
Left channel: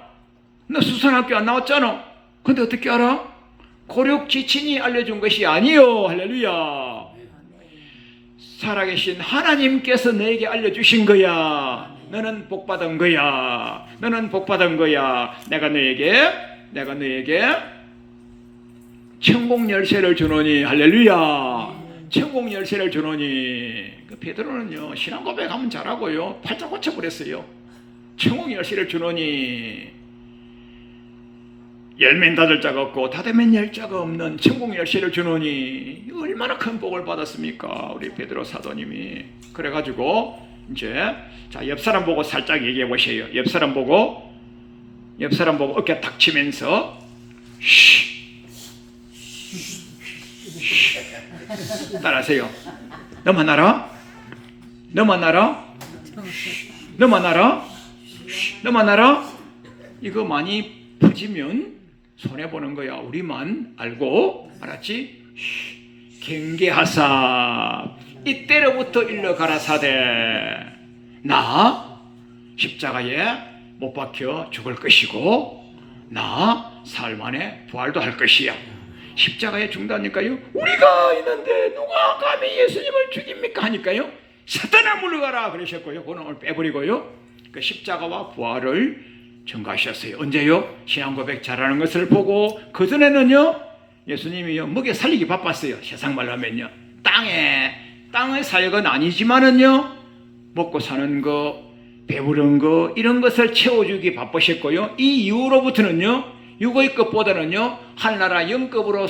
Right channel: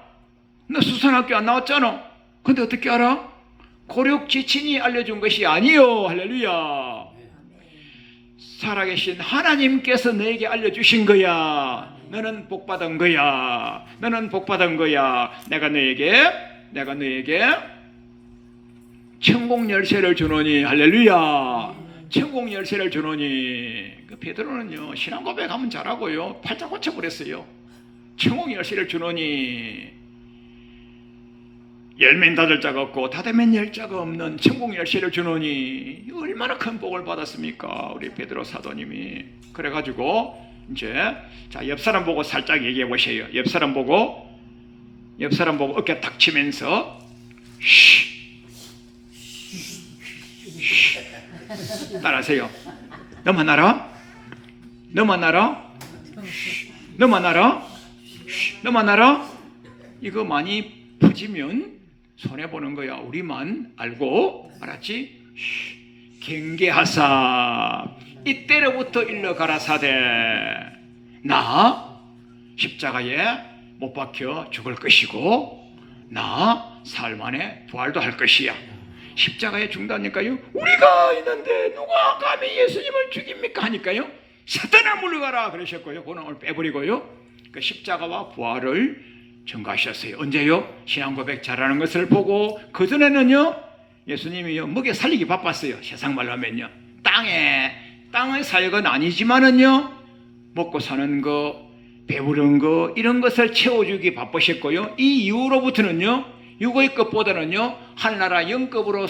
너 수산학교 안 나왔잖아. 근데 어떻게 알아? 고륙 지친이 알려준 것이 아니요. 할렐루야. 살아계신 하나님께서 너에게 알려주신 거야. 너는 복받은 거야. 너는 복받은 거야. 내가 너에게 천국 열쇠를 주노니. 할렐루야. 천국 열쇠를 주노니. 그 베드로는요 신앙 고백하면 잘하고요 팔자 고쳐버렸어요. 천국 열쇠를 주노니, 열면 닫을 자가 없고 닫으면 열 자가 없는 천국 열쇠를 주노니. 얼마나 큰 복을 받았습니까 우리 베드로 사도님이. 그래가지고 이제 자, 옆 사람 보고 살짝 얘기해 보세요. 옆 사람 보고 어깨 탁 치면서 따라하세요. 너만 알아? 너만 알아? 너만 알아? 너만 알아? 이거 많이 퍼지면 손해보는 거야. 우리만 알고, 알았지? 경계하사 이때로부터 일러 가라사대 나 십자가에 못 박혀 죽을 것이고 나 사흘 만에 부활도 할 것이야. 십자가에 죽다니까요. 우리가 있는데 누가 감히 예수님을 죽입니까 하니까요. 사탄아 물러가라 그러셨고요. 그놈을 빼버리고요. 그 십자가와 부활을 증거하셨어요. 언제요? 신앙 고백 잘하는 것을 보고. 그전에는요 예수님이요 먹여 살리기 바빴어요. 세상 말로 하면요 땅의 사역은 아니지만은요 먹고 사는 거, 배부른 거, 이런 것을 채워주기 바쁘셨고요. 이 이후로부터는요 육의 것보다는요 하늘나라 영급으로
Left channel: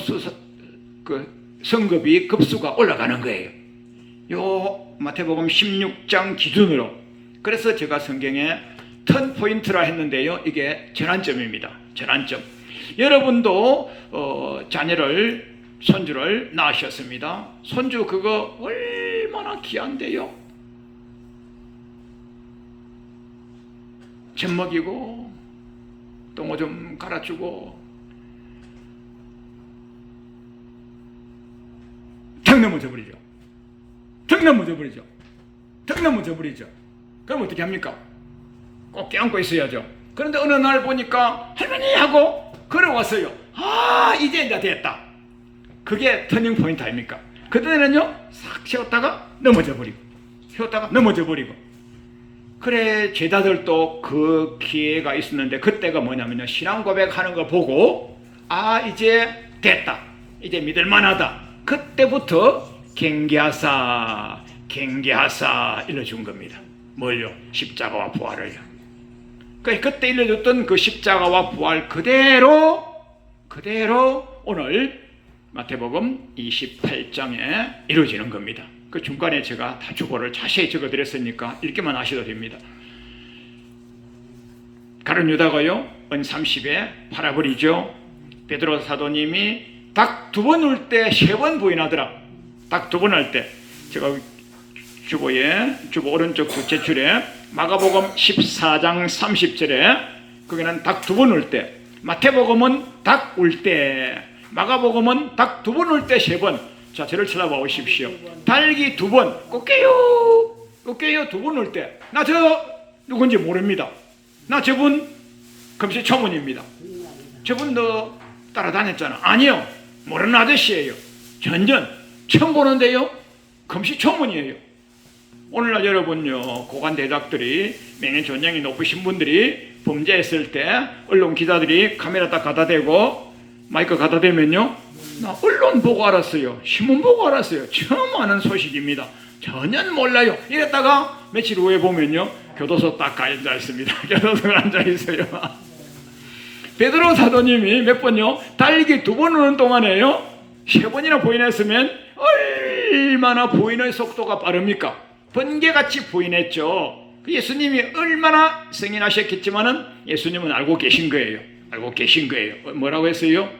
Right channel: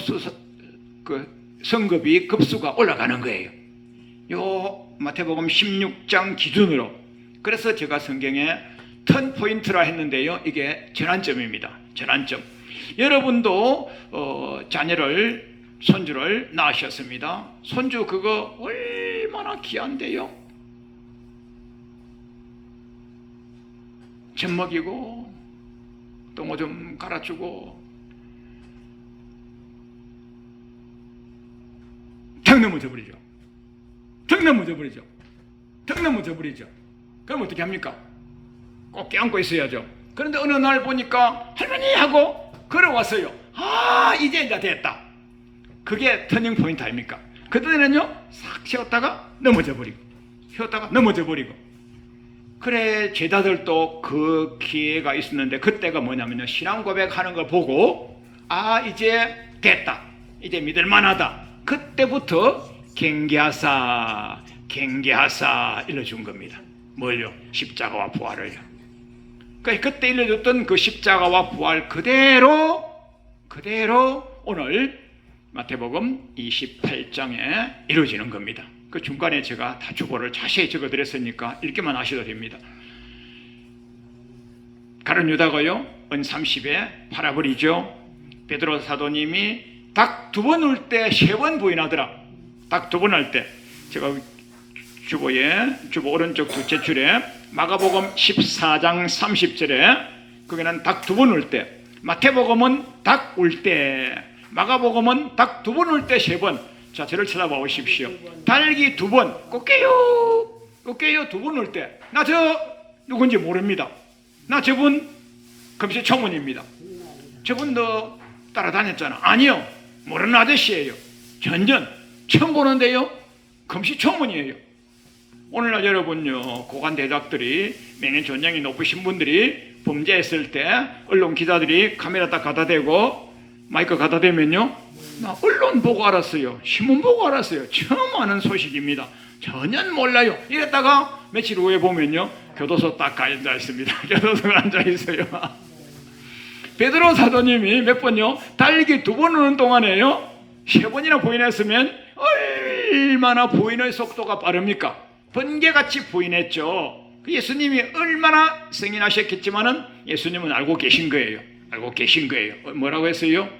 성급이 급수가 올라가는 거예요. 요 마태복음 16장 기준으로. 그래서 제가 성경에 턴 포인트라 했는데요, 이게 전환점입니다. 전환점. 여러분도 자녀를, 손주를 낳으셨습니다. 손주 그거 얼마나 귀한데요. 젖 먹이고 똥오 좀 갈아주고 탁 넘어져 버리죠. 그럼 어떻게 합니까? 꼭 껴안고 있어야죠. 그런데 어느 날 보니까 할머니 하고 걸어왔어요. 이제 됐다. 그게 터닝 포인트 아닙니까? 그때는요 싹 세웠다가 넘어져 버리고 그래, 제자들도 그 기회가 있었는데 그때가 뭐냐면요 신앙 고백하는 거 보고 이제 됐다, 이제 믿을만하다. 그때부터 경계하사 일러준 겁니다. 뭘요? 십자가와 부활을요. 그때 일러줬던 그 십자가와 부활 그대로 오늘 마태복음 28장에 이루어지는 겁니다. 그 중간에 제가 다 주보를 자세히 적어드렸으니까 읽기만 하셔도 됩니다. 가룟 유다가요 은 30에 팔아버리죠. 베드로 사도님이 닭 2번 울 때 3번 부인하더라. 닭 2번 할 때 제가 주보 오른쪽 둘째 줄에 마가복음 14장 30절에 거기는 닭 2번 울 때, 마태복음은 닭 울 때, 마가복음은 닭 2번 울 때 3번. 자, 저를 쳐다봐 보십시오. 달기 2번, 꽃게요 2번 올 때, 나 저 누군지 모릅니다. 나 저분 금시초문입니다. 저분도 따라다녔잖아. 아니요, 모르는 아저씨예요. 전전 처음 보는데요 금시초문이에요. 오늘날 여러분요 고관 대작들이, 맹인 전형이 높으신 분들이 범죄했을 때 언론 기자들이 카메라 딱 갖다 대고 마이크 갖다 대면요 나 언론 보고 알았어요. 신문 보고 알았어요. 처음 아는 소식입니다. 전혀 몰라요. 이랬다가 며칠 후에 보면요, 교도소 딱 앉아 있습니다. 교도소에 앉아 있어요. 베드로 사도님이 몇 번요? 달리기 2번 오는 동안에요, 3번이나 부인했으면 얼마나 부인의 속도가 빠릅니까? 번개같이 부인했죠. 예수님이 얼마나 승인하셨겠지만은 예수님은 알고 계신 거예요. 알고 계신 거예요. 뭐라고 했어요?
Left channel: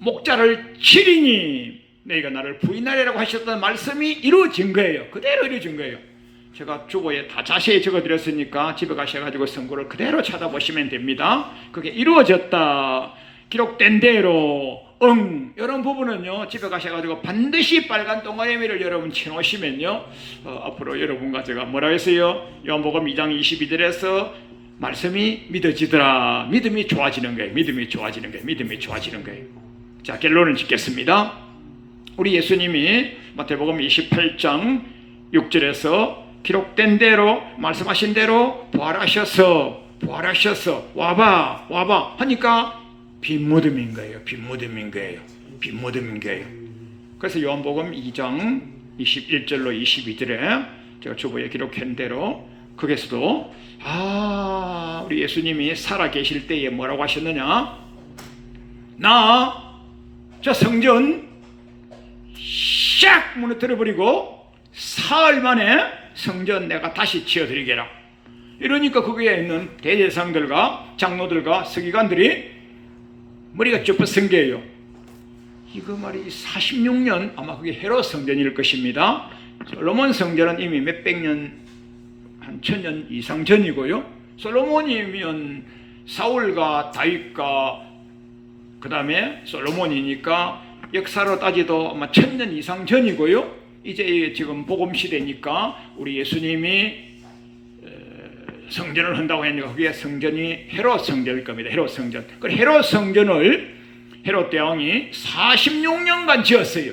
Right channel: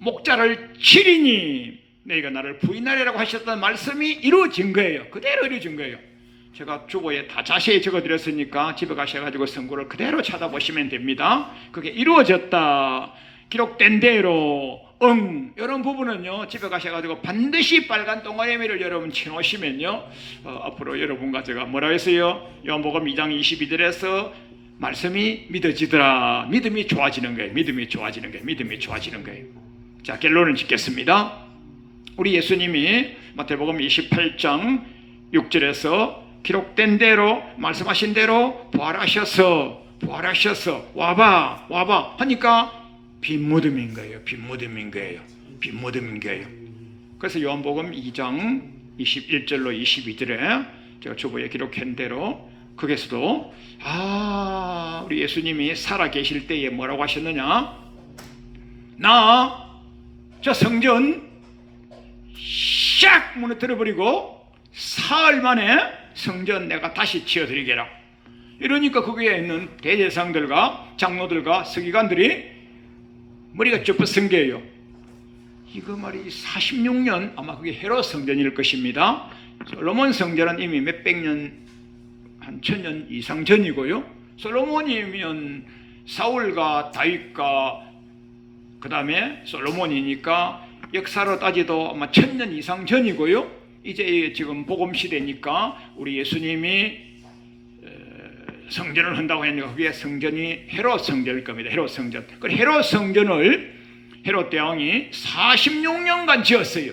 목자를 치리니 너희가 나를 부인하리라고 하셨던 말씀이 이루어진 거예요. 그대로 이루어진 거예요. 제가 주보에 다 자세히 적어드렸으니까 집에 가셔가지고 성구를 그대로 찾아보시면 됩니다. 그게 이루어졌다, 기록된 대로, 이런 부분은요, 집에 가셔가지고 반드시 빨간 동아리미를 여러분 쳐놓으시면요, 앞으로 여러분과 제가 뭐라 했어요? 요한복음 2장 22절에서 말씀이 믿어지더라. 믿음이 좋아지는 거예요. 믿음이 좋아지는 거예요. 믿음이 좋아지는 거예요. 자, 결론을 짓겠습니다. 우리 예수님이 마태복음 28장 6절에서 기록된 대로, 말씀하신 대로 부활하셔서 와봐 하니까 빈무덤인 거예요. 빈무덤인 거예요. 빈무덤인 거예요. 그래서 요한복음 2장 21절로 22절에 제가 주보에 기록한 대로 거기서도 우리 예수님이 살아 계실 때에 뭐라고 하셨느냐? 나 저 성전 샥 무너뜨려버리고 사흘 만에 성전 내가 다시 지어드리게라. 이러니까 거기에 있는 대제사장들과 장로들과 서기관들이 머리가 쭈뼛은 게요. 이거 말이 46년 아마 그게 헤롯 성전일 것입니다. 솔로몬 성전은 이미 몇백 년, 한 1000년 이상 전이고요. 솔로몬이면 사울과 다윗과 그 다음에 솔로몬이니까 역사로 따지도 아마 1000년 이상 전이고요. 이제 지금 복음 시대니까 우리 예수님이 성전을 한다고 했는데 그게 성전이 헤롯 성전일 겁니다. 헤롯 성전. 그 헤롯 성전을 헤롯 대왕이 46년간 지었어요.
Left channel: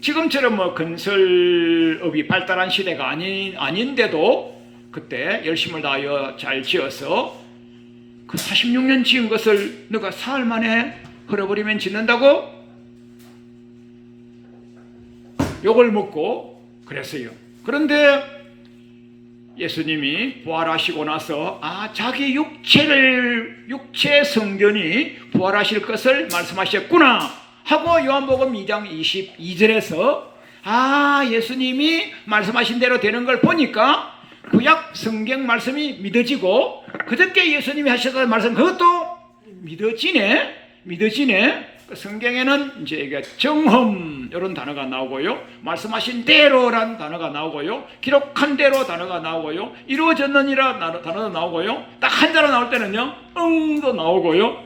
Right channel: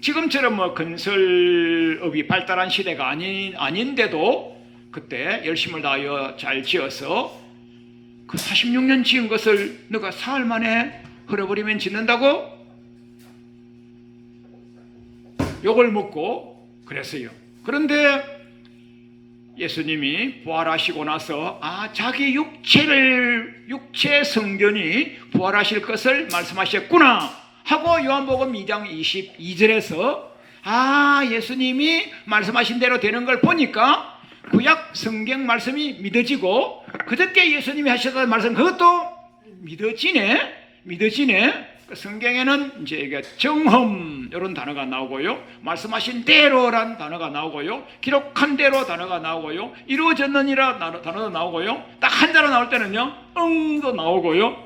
지금처럼 뭐 건설업이 발달한 시대가 아닌데도 그때 열심을 다하여 잘 지어서 그 46년 지은 것을 너가 사흘 만에 헐어버리면 짓는다고? 욕을 먹고 그랬어요. 그런데 예수님이 부활하시고 나서 자기 육체 성전이 부활하실 것을 말씀하셨구나 하고 요한복음 2장 22절에서 예수님이 말씀하신 대로 되는 걸 보니까 구약 성경 말씀이 믿어지고 그저께 예수님이 하셨던 말씀 그것도 믿어지네. 그 성경에는 이제 이게 정험 이런 단어가 나오고요, 말씀하신 대로란 단어가 나오고요, 기록한 대로 단어가 나오고요, 이루어졌느니라 단어도 나오고요, 딱 한자로 나올 때는요 응도 나오고요.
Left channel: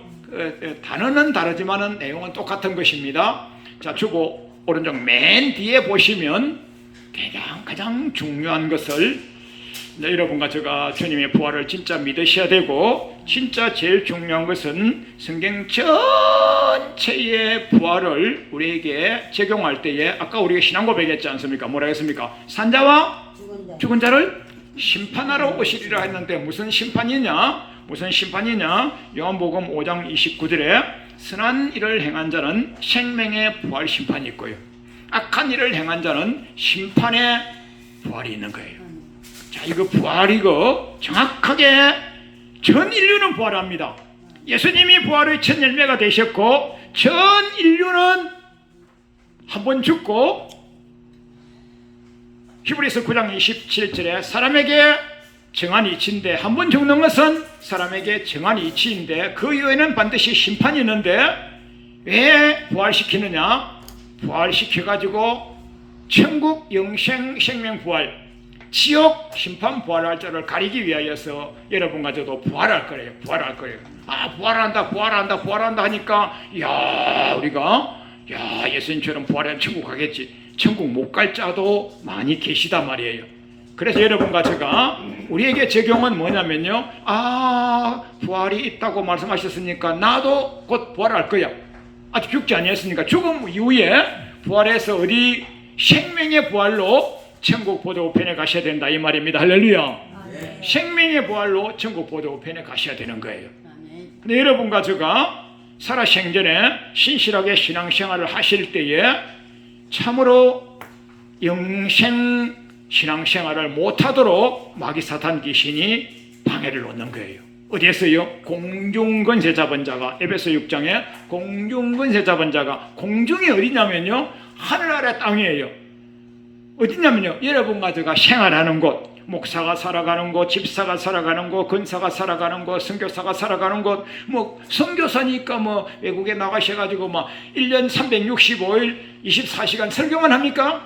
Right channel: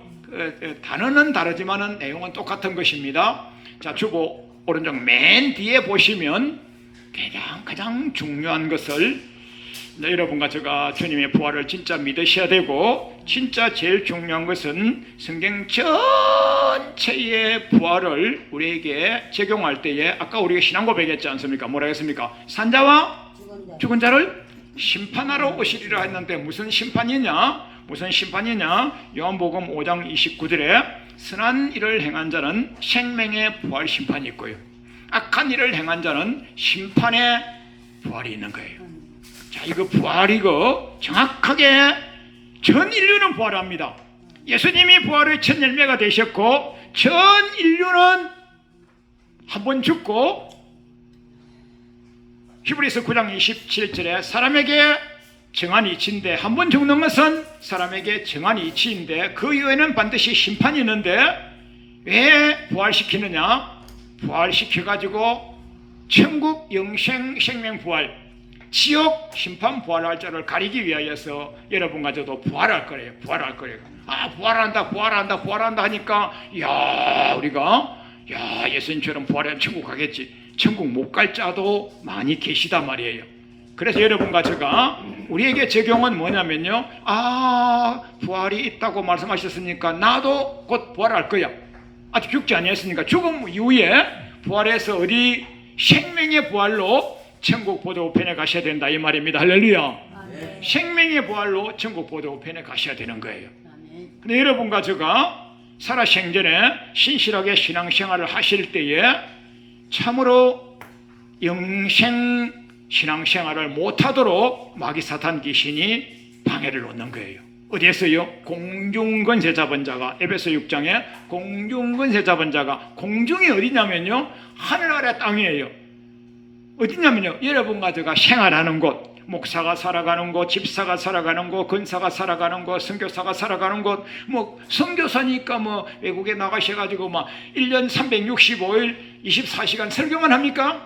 단어는 다르지만은 내용은 똑같은 것입니다. 자, 주보 오른쪽 맨 뒤에 보시면 가장 중요한 것을 여러분과 제가 주님의 부활을 진짜 믿으셔야 되고, 진짜 제일 중요한 것은 성경 전체의 부활을 우리에게 적용할 때에 아까 우리가 신앙 고백했지 않습니까? 뭐라 했습니까? 산자와 죽은 자를 심판하러 오시리라 했는데 무슨 심판이냐? 요한복음 5장 29절에 선한 일을 행한 자는 생명의 부활 심판이 있고요, 악한 일을 행한 자는 심판의 부활이 있는 거예요. 자, 이거 부활이고 정확하게 전 인류는 부활합니다. 예수님이 부활의 첫 열매가 되셨고 전 인류는 한 번 죽고, 히브리서 9장 27절에 사람에게 정한 이치인데, 한 번 죽는 것은 사람에게 정한 이치인데 그 이후에는 반드시 심판이 있는데 왜 부활시키느냐? 부활시켜가지고 천국 영생 생명 부활, 지옥 심판 부활할 자를 가리기 위하여서 여러분과 저도 부활할 거예요. 부활한다 하니까 우리가 예수님처럼 부활하면 천국 가겠지. 천국 못 갈 자도 많이 계시단 말이에요. 그래서 여러분과 제가 우리에게 적용은 뭐냐면요, 부활이 있다고 말씀하셨으니까 나도 곧 부활할 거야. 아직 죽지 아니했으니까 죽음 이후에 부활해서 어디 생명의 부활로 천국 보도편에 가셔야 된다 이 말입니다. 할렐루야. 생명의 부활로 천국 보도편에 가셔야 되는 거예요. 근데 여러분과 제가 살아생전에 신실하게 신앙생활을 하실 때에 참으로 영생 신앙생활을 못하도록 마귀 사탄 귀신이 방해를 놓는 거예요. 어디에서요? 공중권세 잡은 자가, 에베소 6장에 공중권세 잡은 자가, 공중이 어디냐면요, 하늘 아래 땅이에요. 어디냐면요, 여러분과 제가 생활하는 곳, 목사가 살아가는 곳, 집사가 살아가는 곳, 권사가 살아가는 곳, 선교사가 살아가는 곳, 뭐 선교사니까 뭐 외국에 나가셔가지고 막 1년 365일 24시간 설교만 합니까?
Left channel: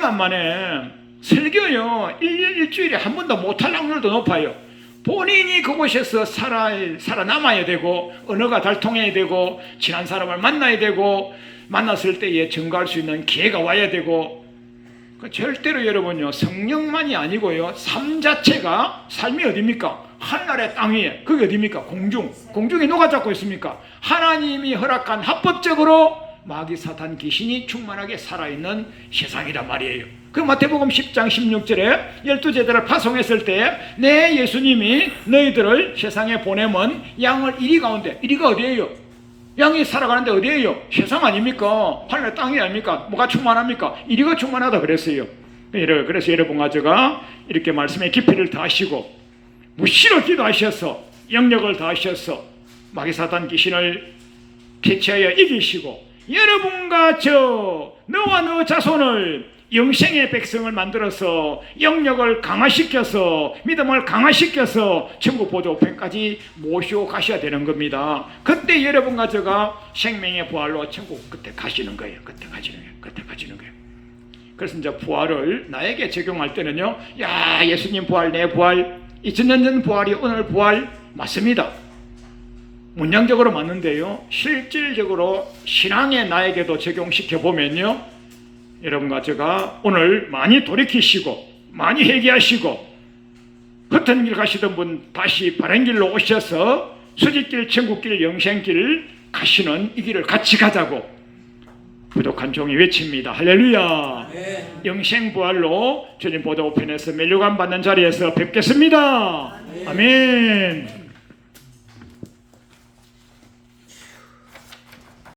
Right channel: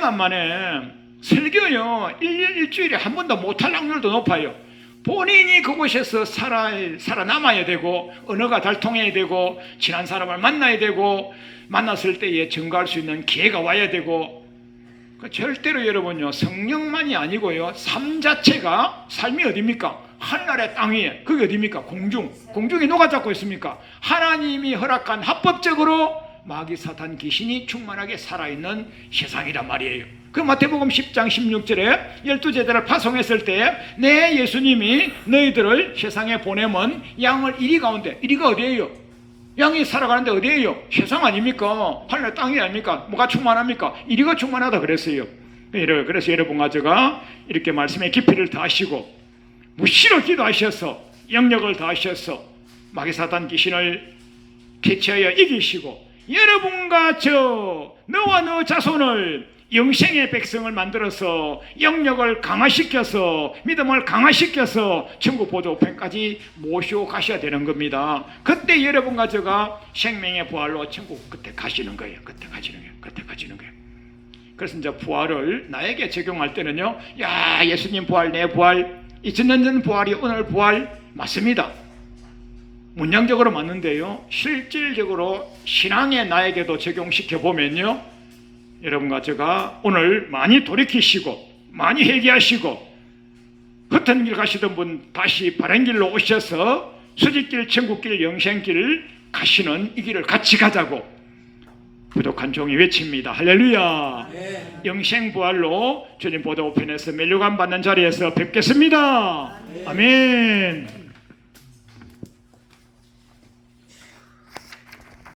만만해. 설교요, 일주일에 한 번도 못할 확률도 높아요. 본인이 그곳에서 살아남아야 되고, 언어가 잘 통해야 되고, 친한 사람을 만나야 되고, 만났을 때에 증거할 수 있는 기회가 와야 되고, 절대로 여러분요, 성령만이 아니고요, 삶 자체가, 삶이 어딥니까? 하늘의 땅 위에, 그게 어딥니까? 공중이 누가 잡고 있습니까? 하나님이 허락한 합법적으로 마귀 사탄 귀신이 충만하게 살아있는 세상이란 말이에요. 그 마태복음 10장 16절에 12제자를 파송했을 때 내 예수님이 너희들을 세상에 보내면 양을 이리 가운데, 이리가 어디예요? 양이 살아가는데 어디예요? 세상 아닙니까? 하늘 땅이 아닙니까? 뭐가 충만합니까? 이리가 충만하다 그랬어요. 그래서 여러분과 제가 이렇게 말씀의 깊이를 다하시고 무시로 기도하셔서 영역을 다하셔서 마귀 사탄 귀신을 캐치하여 이기시고 여러분과 너와 너 자손을 영생의 백성을 만들어서 영역을 강화시켜서 믿음을 강화시켜서 천국 보도편까지 모시고 가셔야 되는 겁니다. 그때 여러분과 제가 생명의 부활로 천국 그때 가시는 거예요. 그때 가시는 거예요. 그래서 이제 부활을 나에게 적용할 때는요, 야, 예수님 부활, 내 부활, 2000년 전 부활이 오늘 부활 맞습니다. 문양적으로 맞는데요, 실질적으로 신앙에 나에게도 적용시켜 보면요, 여러분과 제가 오늘 많이 돌이키시고 많이 회개하시고 흩은 길 가시던 분 다시 바른 길로 오셔서 수직길, 천국길, 영생길 가시는 이 길을 같이 가자고 부족한 종이 외칩니다. 할렐루야. 네. 영생부활로 주님 보도편에서 멜류관 받는 자리에서 뵙겠습니다. 네. 아멘.